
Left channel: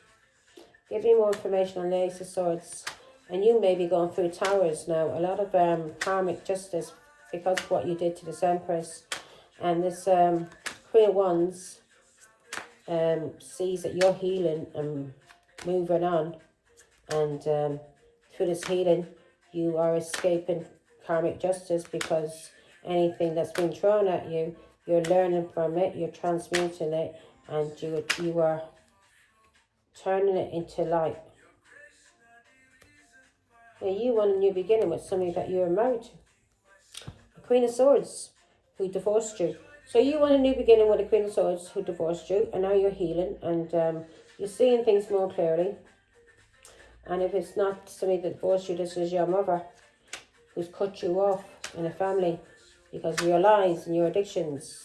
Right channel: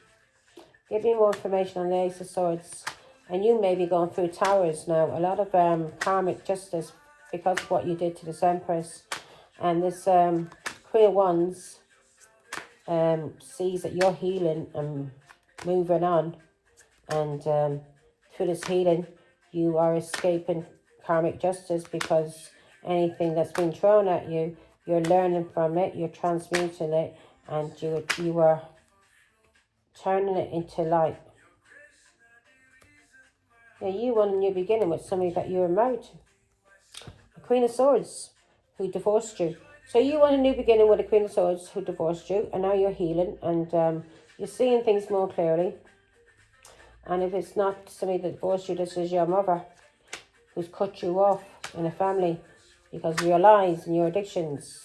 Give me more information on the Ace of Swords. And you may be going through towers now. A lot of karmic justice because of what you did to this Empress. And this Queen of Wands sees that you're healing and moving on. And through this healing, you are escaping karmic justice because anything that's been thrown at you, you're learning from it, you're transmuting it, and you are turning it into light. Now, you want a new beginning with somebody that you were married to. A Queen of Swords who divorced you. So you want a new beginning with a Queen of Swords who divorced you, and now you're healing, and you're seeing things more clearly. And if it's not somebody that divorced you, this is your mother who's cut you off in a family because of your lies and your addictions.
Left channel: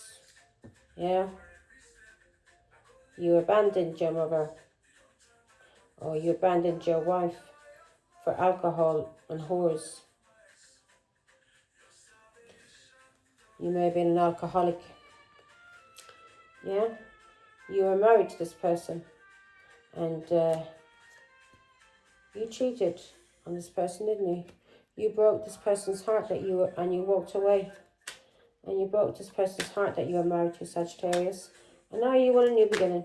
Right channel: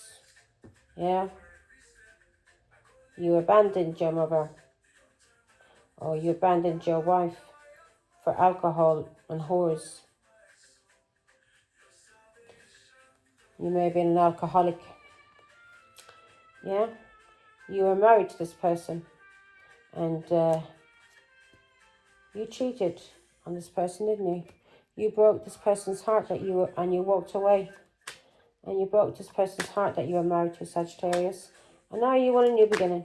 Yeah? You abandoned your mother, or you abandoned your wife for alcohol and whores. You may have been an alcoholic. Yeah? You were married to this person, and you cheated on this person, didn't you? You broke this person's heart and you walked away. And you broke this person's heart that you were married to, Sagittarius. And now you want a new beginning.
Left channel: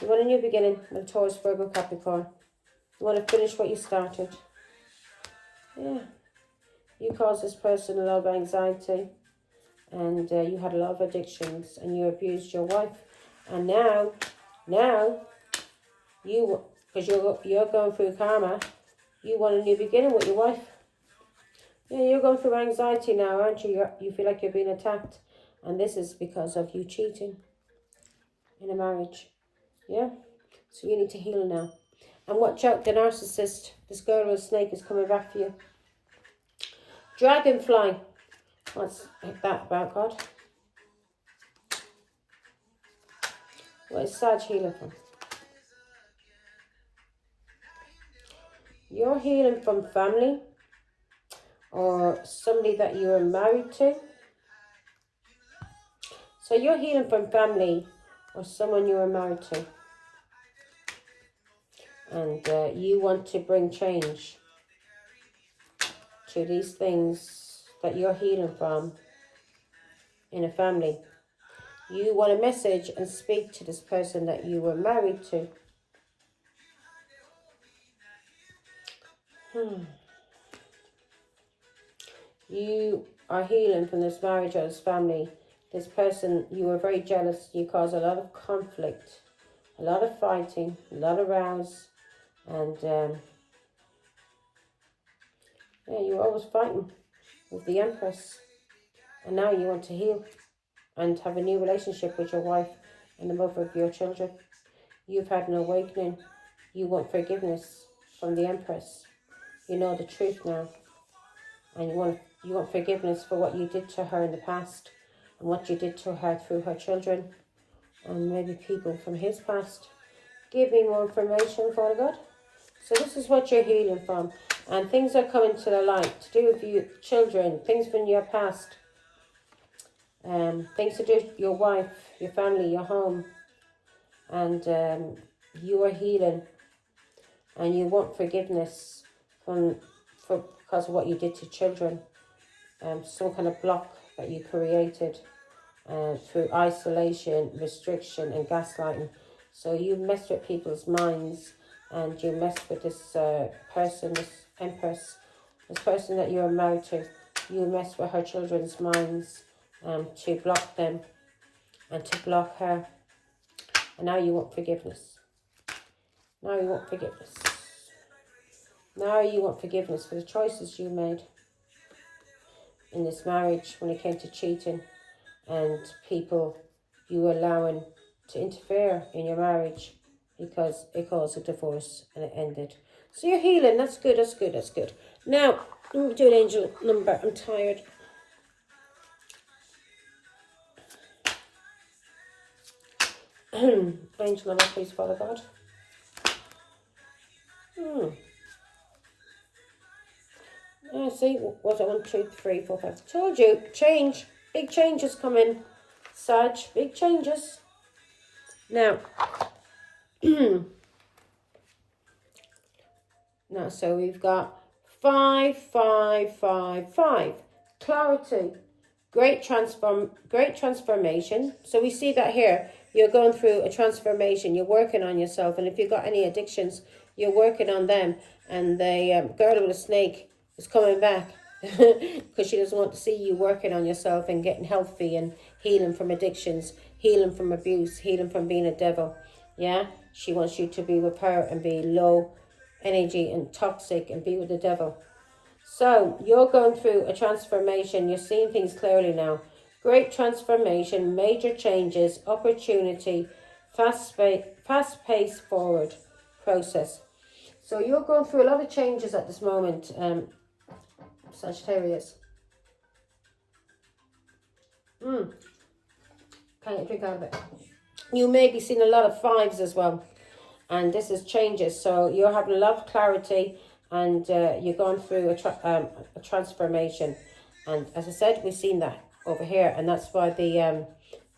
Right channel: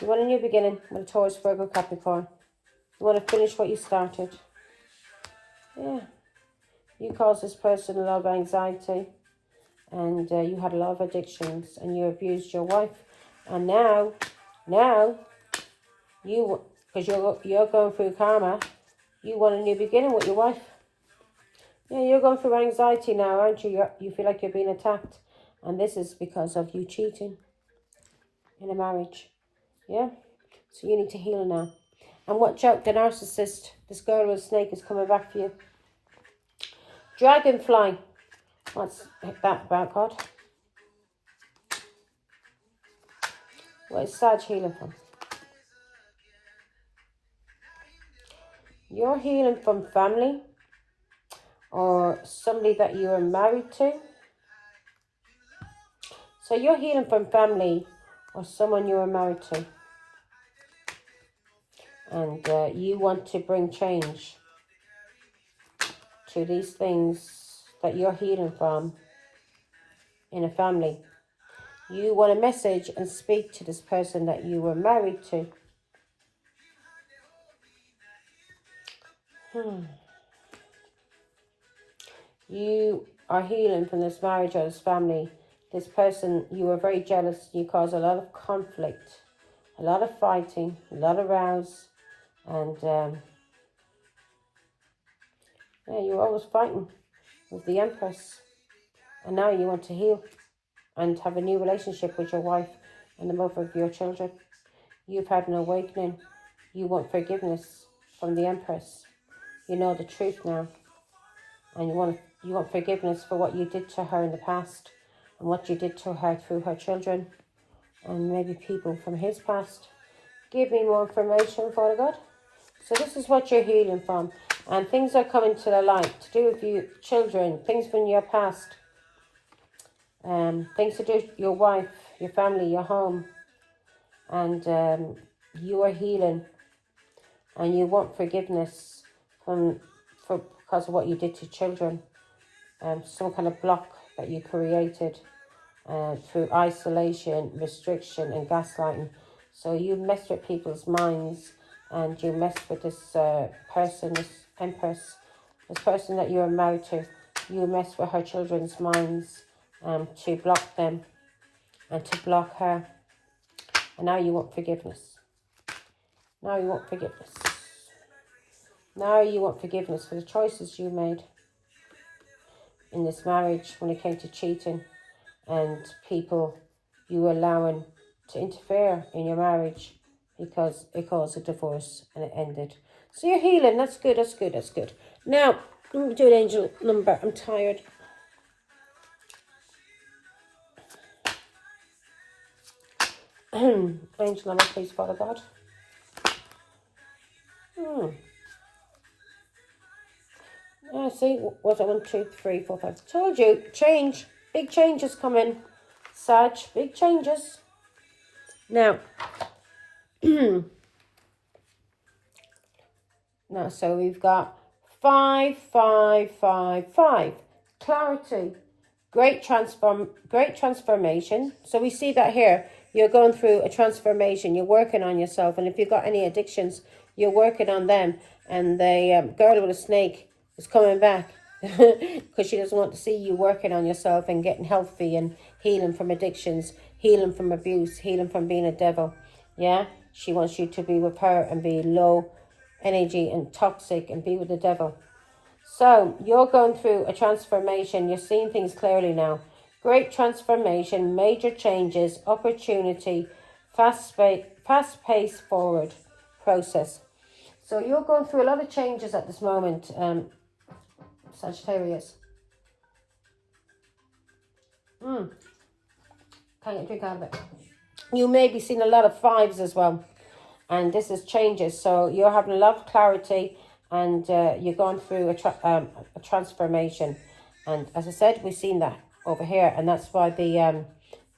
You want a new beginning with Taurus, Virgo, Capricorn. You want to finish what you started. Yeah. You caused this person a lot of anxiety. And you had a lot of addictions. And you abused your wife. And now, you, because you're going through karma, you want a new beginning with your wife. Yeah, you're going through anxiety now, aren't you? You feel like you're being attacked. And this is because of you cheating in a marriage. Yeah? So you need to heal now. And watch out, the narcissist. This girl with a snake is coming back for you. Dragonfly. What's that about, God? What is Sag healing from? You're healing from family or somebody that you were married to. So you're healing from family or someone you were married to. And you want to bring change to these things that you're healing from in a family. You want a message and speak to this person that you were married to. You are healing from this marriage or this family. This person, you were very jealous. You caused a lot of conflict, a lot of fighting, a lot of rows. And yeah, you were always fighting with the Empress. And now you want to heal and have a new relationship with your wife and the mother of your children. You've had an awakening. You want forgiveness from the Empress. You know the truth now. And you want forgiveness for what you did to her in the past and what you did to her through her children and maybe people from his past. Give me more information, Father God. So this is what you're healing from. And things are coming to the light to do with you, children, things from your past. Things to do with your wife, your family, your home. And you are healing. And you want forgiveness because of what you did to children. Some kind of block that you created through isolation, restriction and gaslighting. So you messed with people's minds and you messed with this person, this Empress, this person that you were married to. You messed with her children's minds to block them and to block her. And now you want forgiveness. Now you want forgiveness. Now you want forgiveness for the choices you made in this marriage when it came to cheating and people you were allowing to interfere in your marriage because it caused a divorce and it ended. So you're healing. That's good. That's good. That's good. Now, I'm doing angel number. I'm tired. Angel number, please, Father God. See, what I 1, 2, 3, 4, 5. Told you, change. Big changes coming. Sag, big changes. Now, now, so we've got 5, 5, 5, 5. Clarity. Great transformation. So we see that here. You're going through a transformation. You're working on yourself. And if you've got any addictions, you're working on them. And the girl with a snake is coming back because she doesn't want to see you working on yourself and getting healthy and healing from addictions, healing from abuse, healing from being a devil. Yeah, she wants you to be with her and be low energy and toxic and be with the devil. So you're going through a transformation. You're seeing things clearly now. Great transformation, major changes, opportunity, fast-paced forward process. So you're going through a lot of changes at this moment, Sagittarius. Can't get a drink out of it. You may be seeing a lot of 5s as well. And this is changes. So you're having a lot of clarity and you're going through a transformation. And as I said, we've seen that over here. And that's why the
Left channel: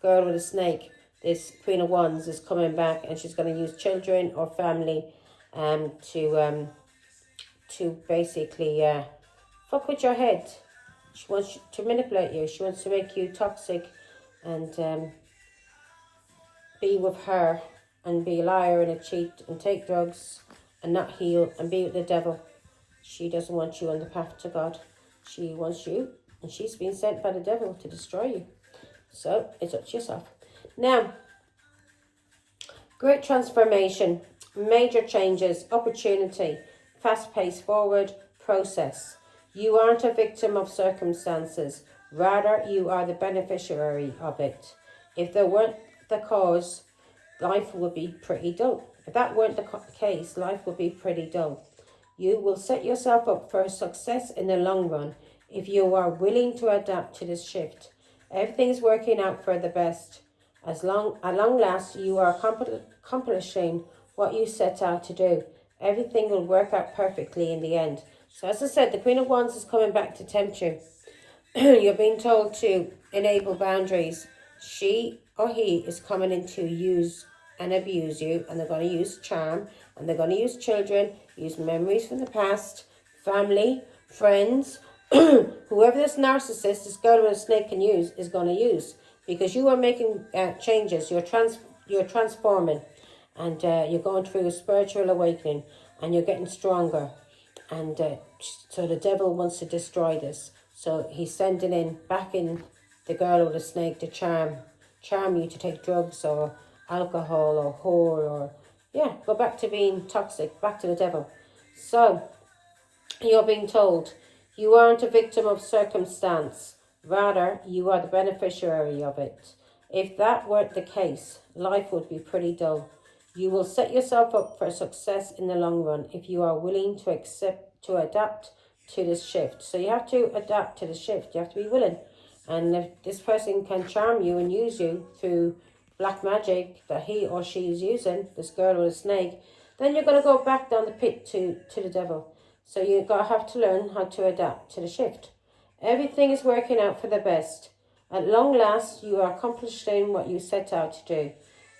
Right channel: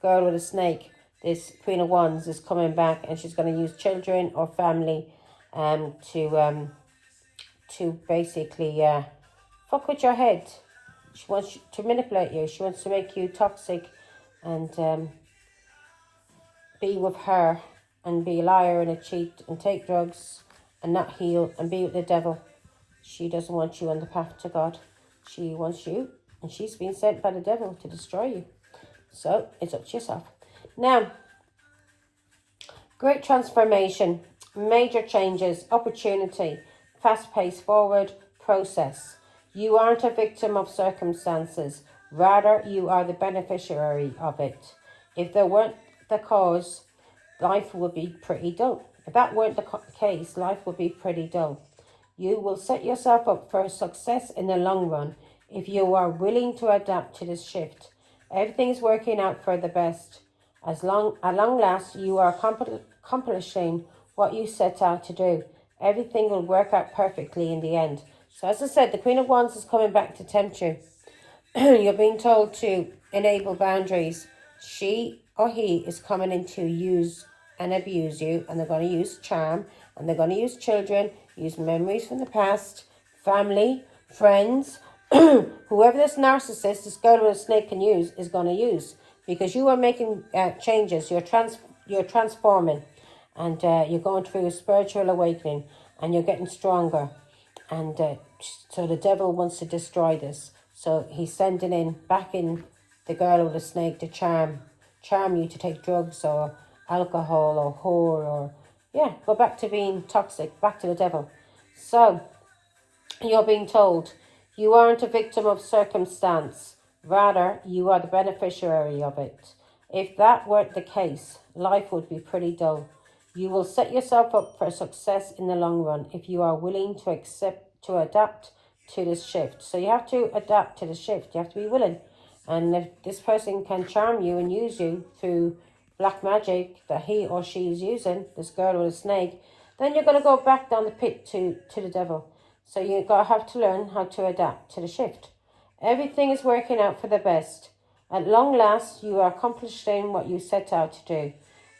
girl with a snake, this Queen of Wands, is coming back. And she's going to use children or family to basically fuck with your head. She wants to manipulate you. She wants to make you toxic and be with her and be a liar and a cheat and take drugs and not heal and be with the devil. She doesn't want you on the path to God. She wants you, and she's been sent by the devil to destroy you. So it's up to yourself. Now, great transformation, major changes, opportunity, fast-paced forward process. You aren't a victim of circumstances. Rather, you are the beneficiary of it. If there weren't the cause, life would be pretty dull. If that weren't the case, life would be pretty dull. You will set yourself up for success in the long run if you are willing to adapt to this shift. Everything's working out for the best. At long last, you are accomplishing what you set out to do. Everything will work out perfectly in the end. So as I said, the Queen of Wands is coming back to tempt you. You're being told to enable boundaries. She or he is coming in to use and abuse you, and they're going to use charm, and they're going to use children, use memories from the past, family, friends, whoever this narcissist, this girl with a snake can use, is going to use, because you are making changes. You're transforming, and you're going through a spiritual awakening, and you're getting stronger, and so the devil wants to destroy this. So he's sending back in the girl with the snake to charm you to take drugs or alcohol or whore or, go back to being toxic, back to the devil. So you're being told you aren't a victim of circumstance. Rather, you are the beneficiary of it. If that weren't the case, life would be pretty dull. You will set yourself up for success in the long run if you are willing to adapt to this shift. So you have to adapt to the shift. You have to be willing. And if this person can charm you and use you through black magic that he or she is using, this girl with a snake, then you're going to go back down the pit to the devil. So you're going to have to learn how to adapt to the shift. Everything is working out for the best. At long last, you are accomplishing what you set out to do.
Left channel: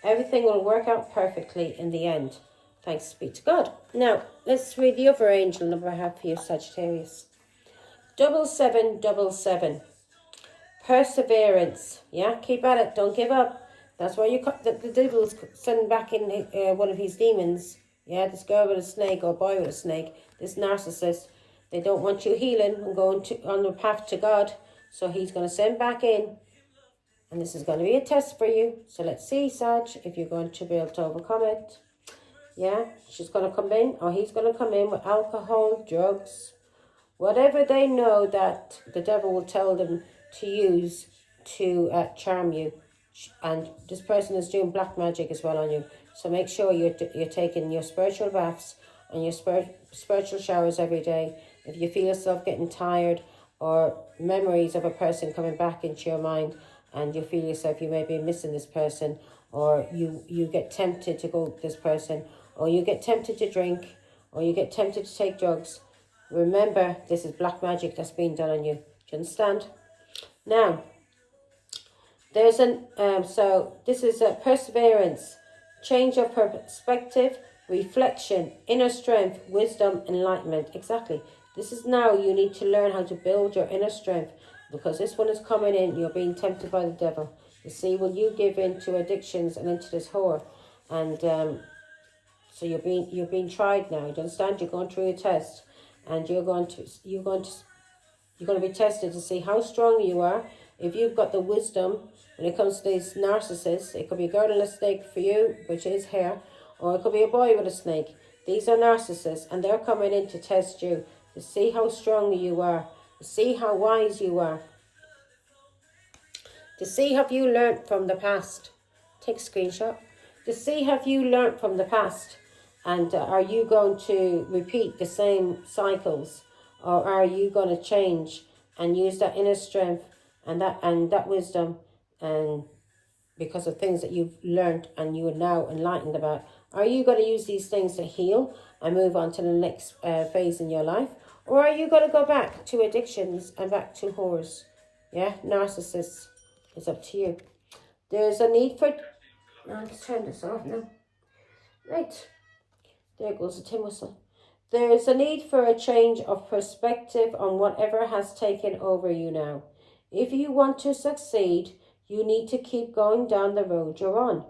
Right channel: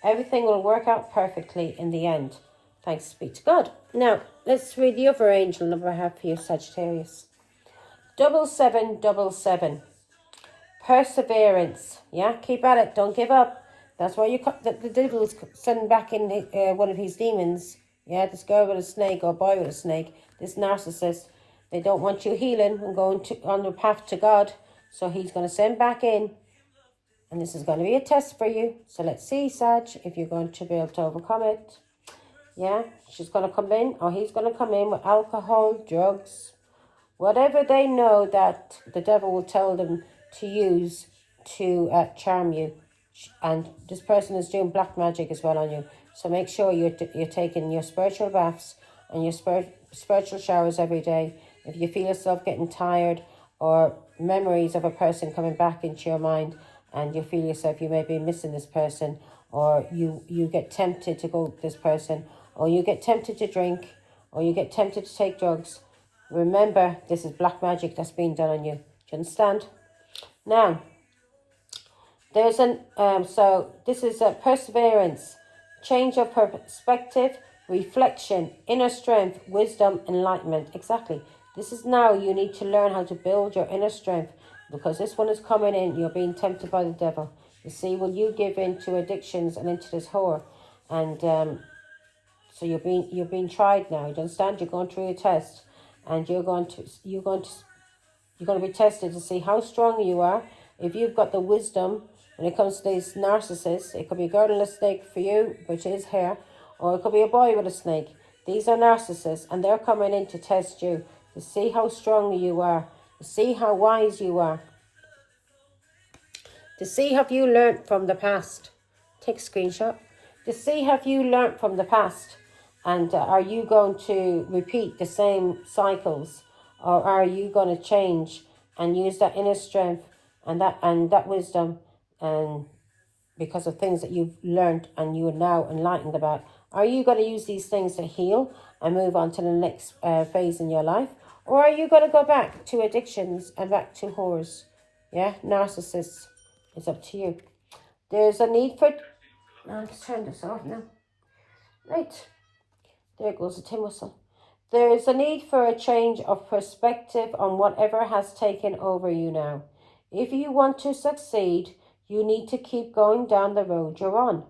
Everything will work out perfectly in the end. Thanks be to God. Now, let's read the other angel number I have for you, Sagittarius. 7777. Perseverance. Yeah, keep at it. Don't give up. That's why the devil's sending back in one of his demons. Yeah, this girl with a snake or boy with a snake. This narcissist. They don't want you healing and going on the path to God. So he's going to send back in. And this is going to be a test for you. So let's see, Sag, if you're going to be able to overcome it. Yeah, she's going to come in, or he's going to come in with alcohol, drugs, whatever they know that the devil will tell them to use to charm you. And this person is doing black magic as well on you. So make sure you're taking your spiritual baths and your spiritual showers every day. If you feel yourself getting tired, or memories of a person coming back into your mind, and you feel yourself you may be missing this person, or you get tempted to go with this person, or you get tempted to drink, or you get tempted to take drugs, remember this is black magic that's being done on you. Do you understand? Now, there's an so this is a perseverance, change of perspective, reflection, inner strength, wisdom, enlightenment. Exactly. This is now you need to learn how to build your inner strength, because this one is coming in. You're being tempted by the devil. You see, will you give in to addictions and into this whore? And so you're being tried now. Do you understand? You're going through a test, and you're going to be tested to see how strong you are. If you've got the wisdom when it comes to these narcissists, it could be a girl and a snake for you, which is hair, or it could be a boy with a snake. These are narcissists, and they're coming in to test you, to see how strong you are, to see how wise you are, to see have you learnt from the past. Take a screenshot. To see have you learnt from the past, and are you going to repeat the same cycles, or are you going to change and use that inner strength and that wisdom, and because of things that you've learned and you are now enlightened about, are you going to use these things to heal and move on to the next phase in your life? Or are you going to go back to addictions and back to whores? Yeah, narcissists. It's up to you. There's a need for... Let's turn this off now. Right. There goes the tin whistle. There is a need for a change of perspective on whatever has taken over you now. If you want to succeed, you need to keep going down the road you're on.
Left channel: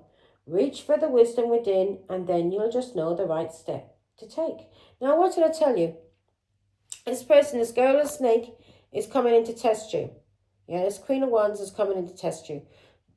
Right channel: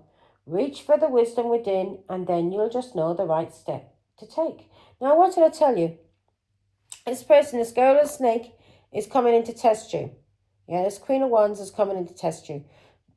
Reach for the wisdom within, and then you'll just know the right step to take. Now, I wanted to tell you, this person, this girl, a snake, is coming in to test you. Yeah, this Queen of Wands is coming in to test you.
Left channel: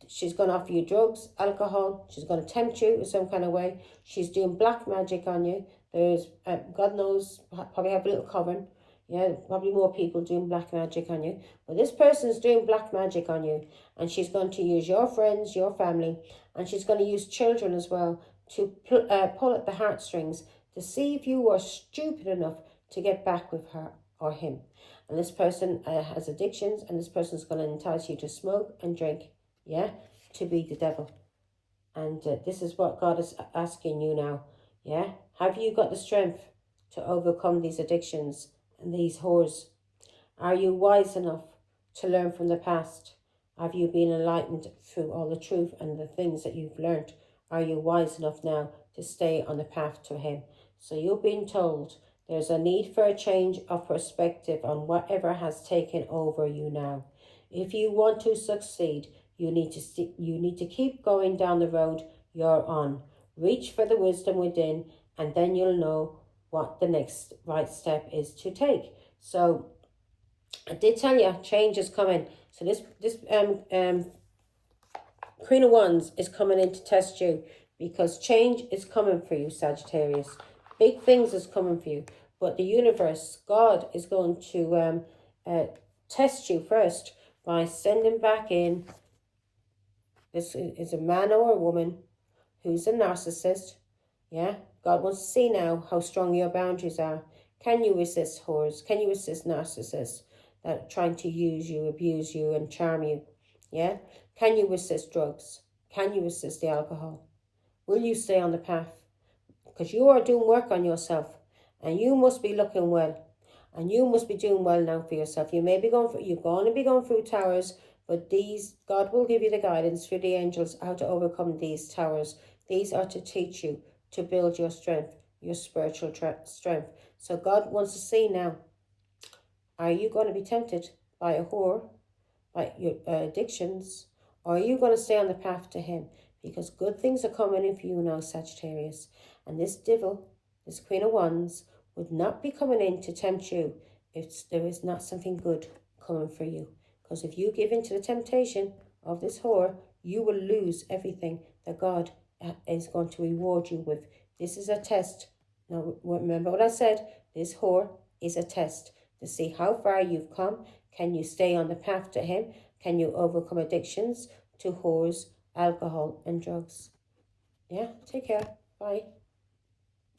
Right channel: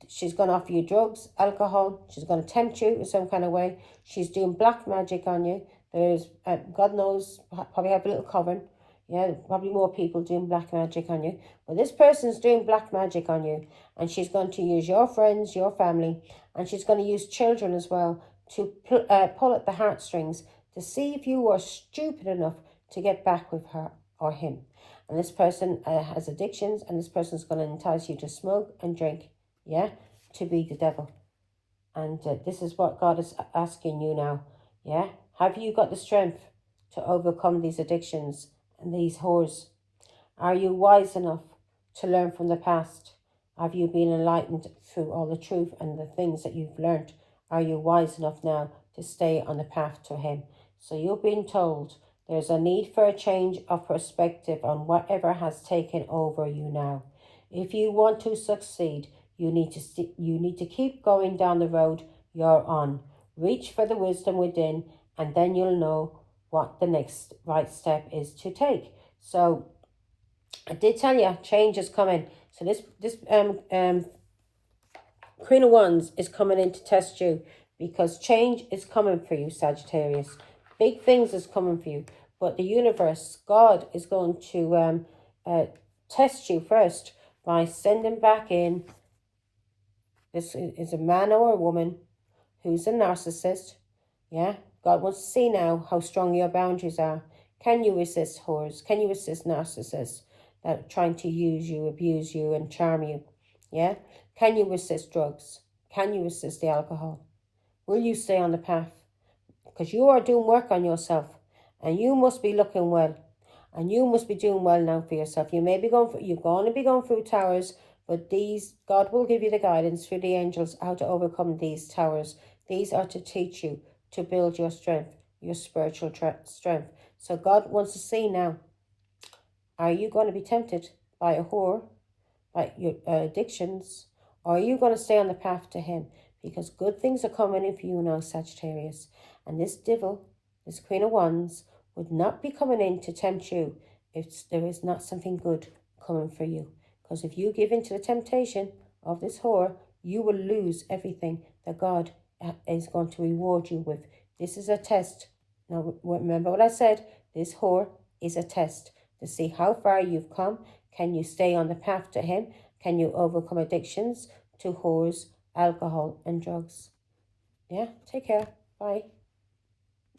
She's going to offer you drugs, alcohol. She's going to tempt you in some kind of way. She's doing black magic on you. There's, God knows, probably have a little coven. Yeah, probably more people doing black magic on you. But this person's doing black magic on you. And she's going to use your friends, your family. And she's going to use children as well to pull at the heartstrings to see if you are stupid enough to get back with her or him. And this person has addictions, and this person's going to entice you to smoke and drink, yeah, to be the devil. And this is what God is asking you now, yeah? Have you got the strength to overcome these addictions and these whores? Are you wise enough to learn from the past? Have you been enlightened through all the truth and the things that you've learned? Are you wise enough now to stay on the path to him? So you've been told there's a need for a change of perspective on whatever has taken over you now. If you want to succeed, you need to keep going down the road you're on. Reach for the wisdom within, and then you'll know what the next right step is to take. So I did tell you, change is coming. So this Queen of Wands is coming in to test you, because change is coming for you, Sagittarius. Big things is coming for you. But the universe, God, is going to test you first by sending back in. This is a man or a woman who's a narcissist. Yeah, God wants to see now how strong your boundaries are. Can you resist whores? Can you resist narcissists that are trying to use you, abuse you, and charm you? Yeah, can you resist drugs? Can you resist the alcohol? Will you stay on the path? Because you are doing work on yourself, and you must be looking well, and you must be doing well now for yourself. You may be you're going to be going through towers, but God will give you the guidance through the angels how to overcome these towers. These are to teach you to build your strength, your spiritual strength. So God wants to see now, are you going to be tempted by a whore, by your addictions, or are you going to stay on the path to him? Because good things are coming in for you now, Sagittarius. And this devil, this Queen of Wands, would not be coming in to tempt you if there is not something good coming for you. Because if you give in to the temptation of this whore, you will lose everything that God is going to reward you with. This is a test. Now, remember what I said. This whore is a test to see how far you've come. Can you stay on the path to him? Can you overcome addictions to whores alcohol and drugs. Yeah, take care. Bye.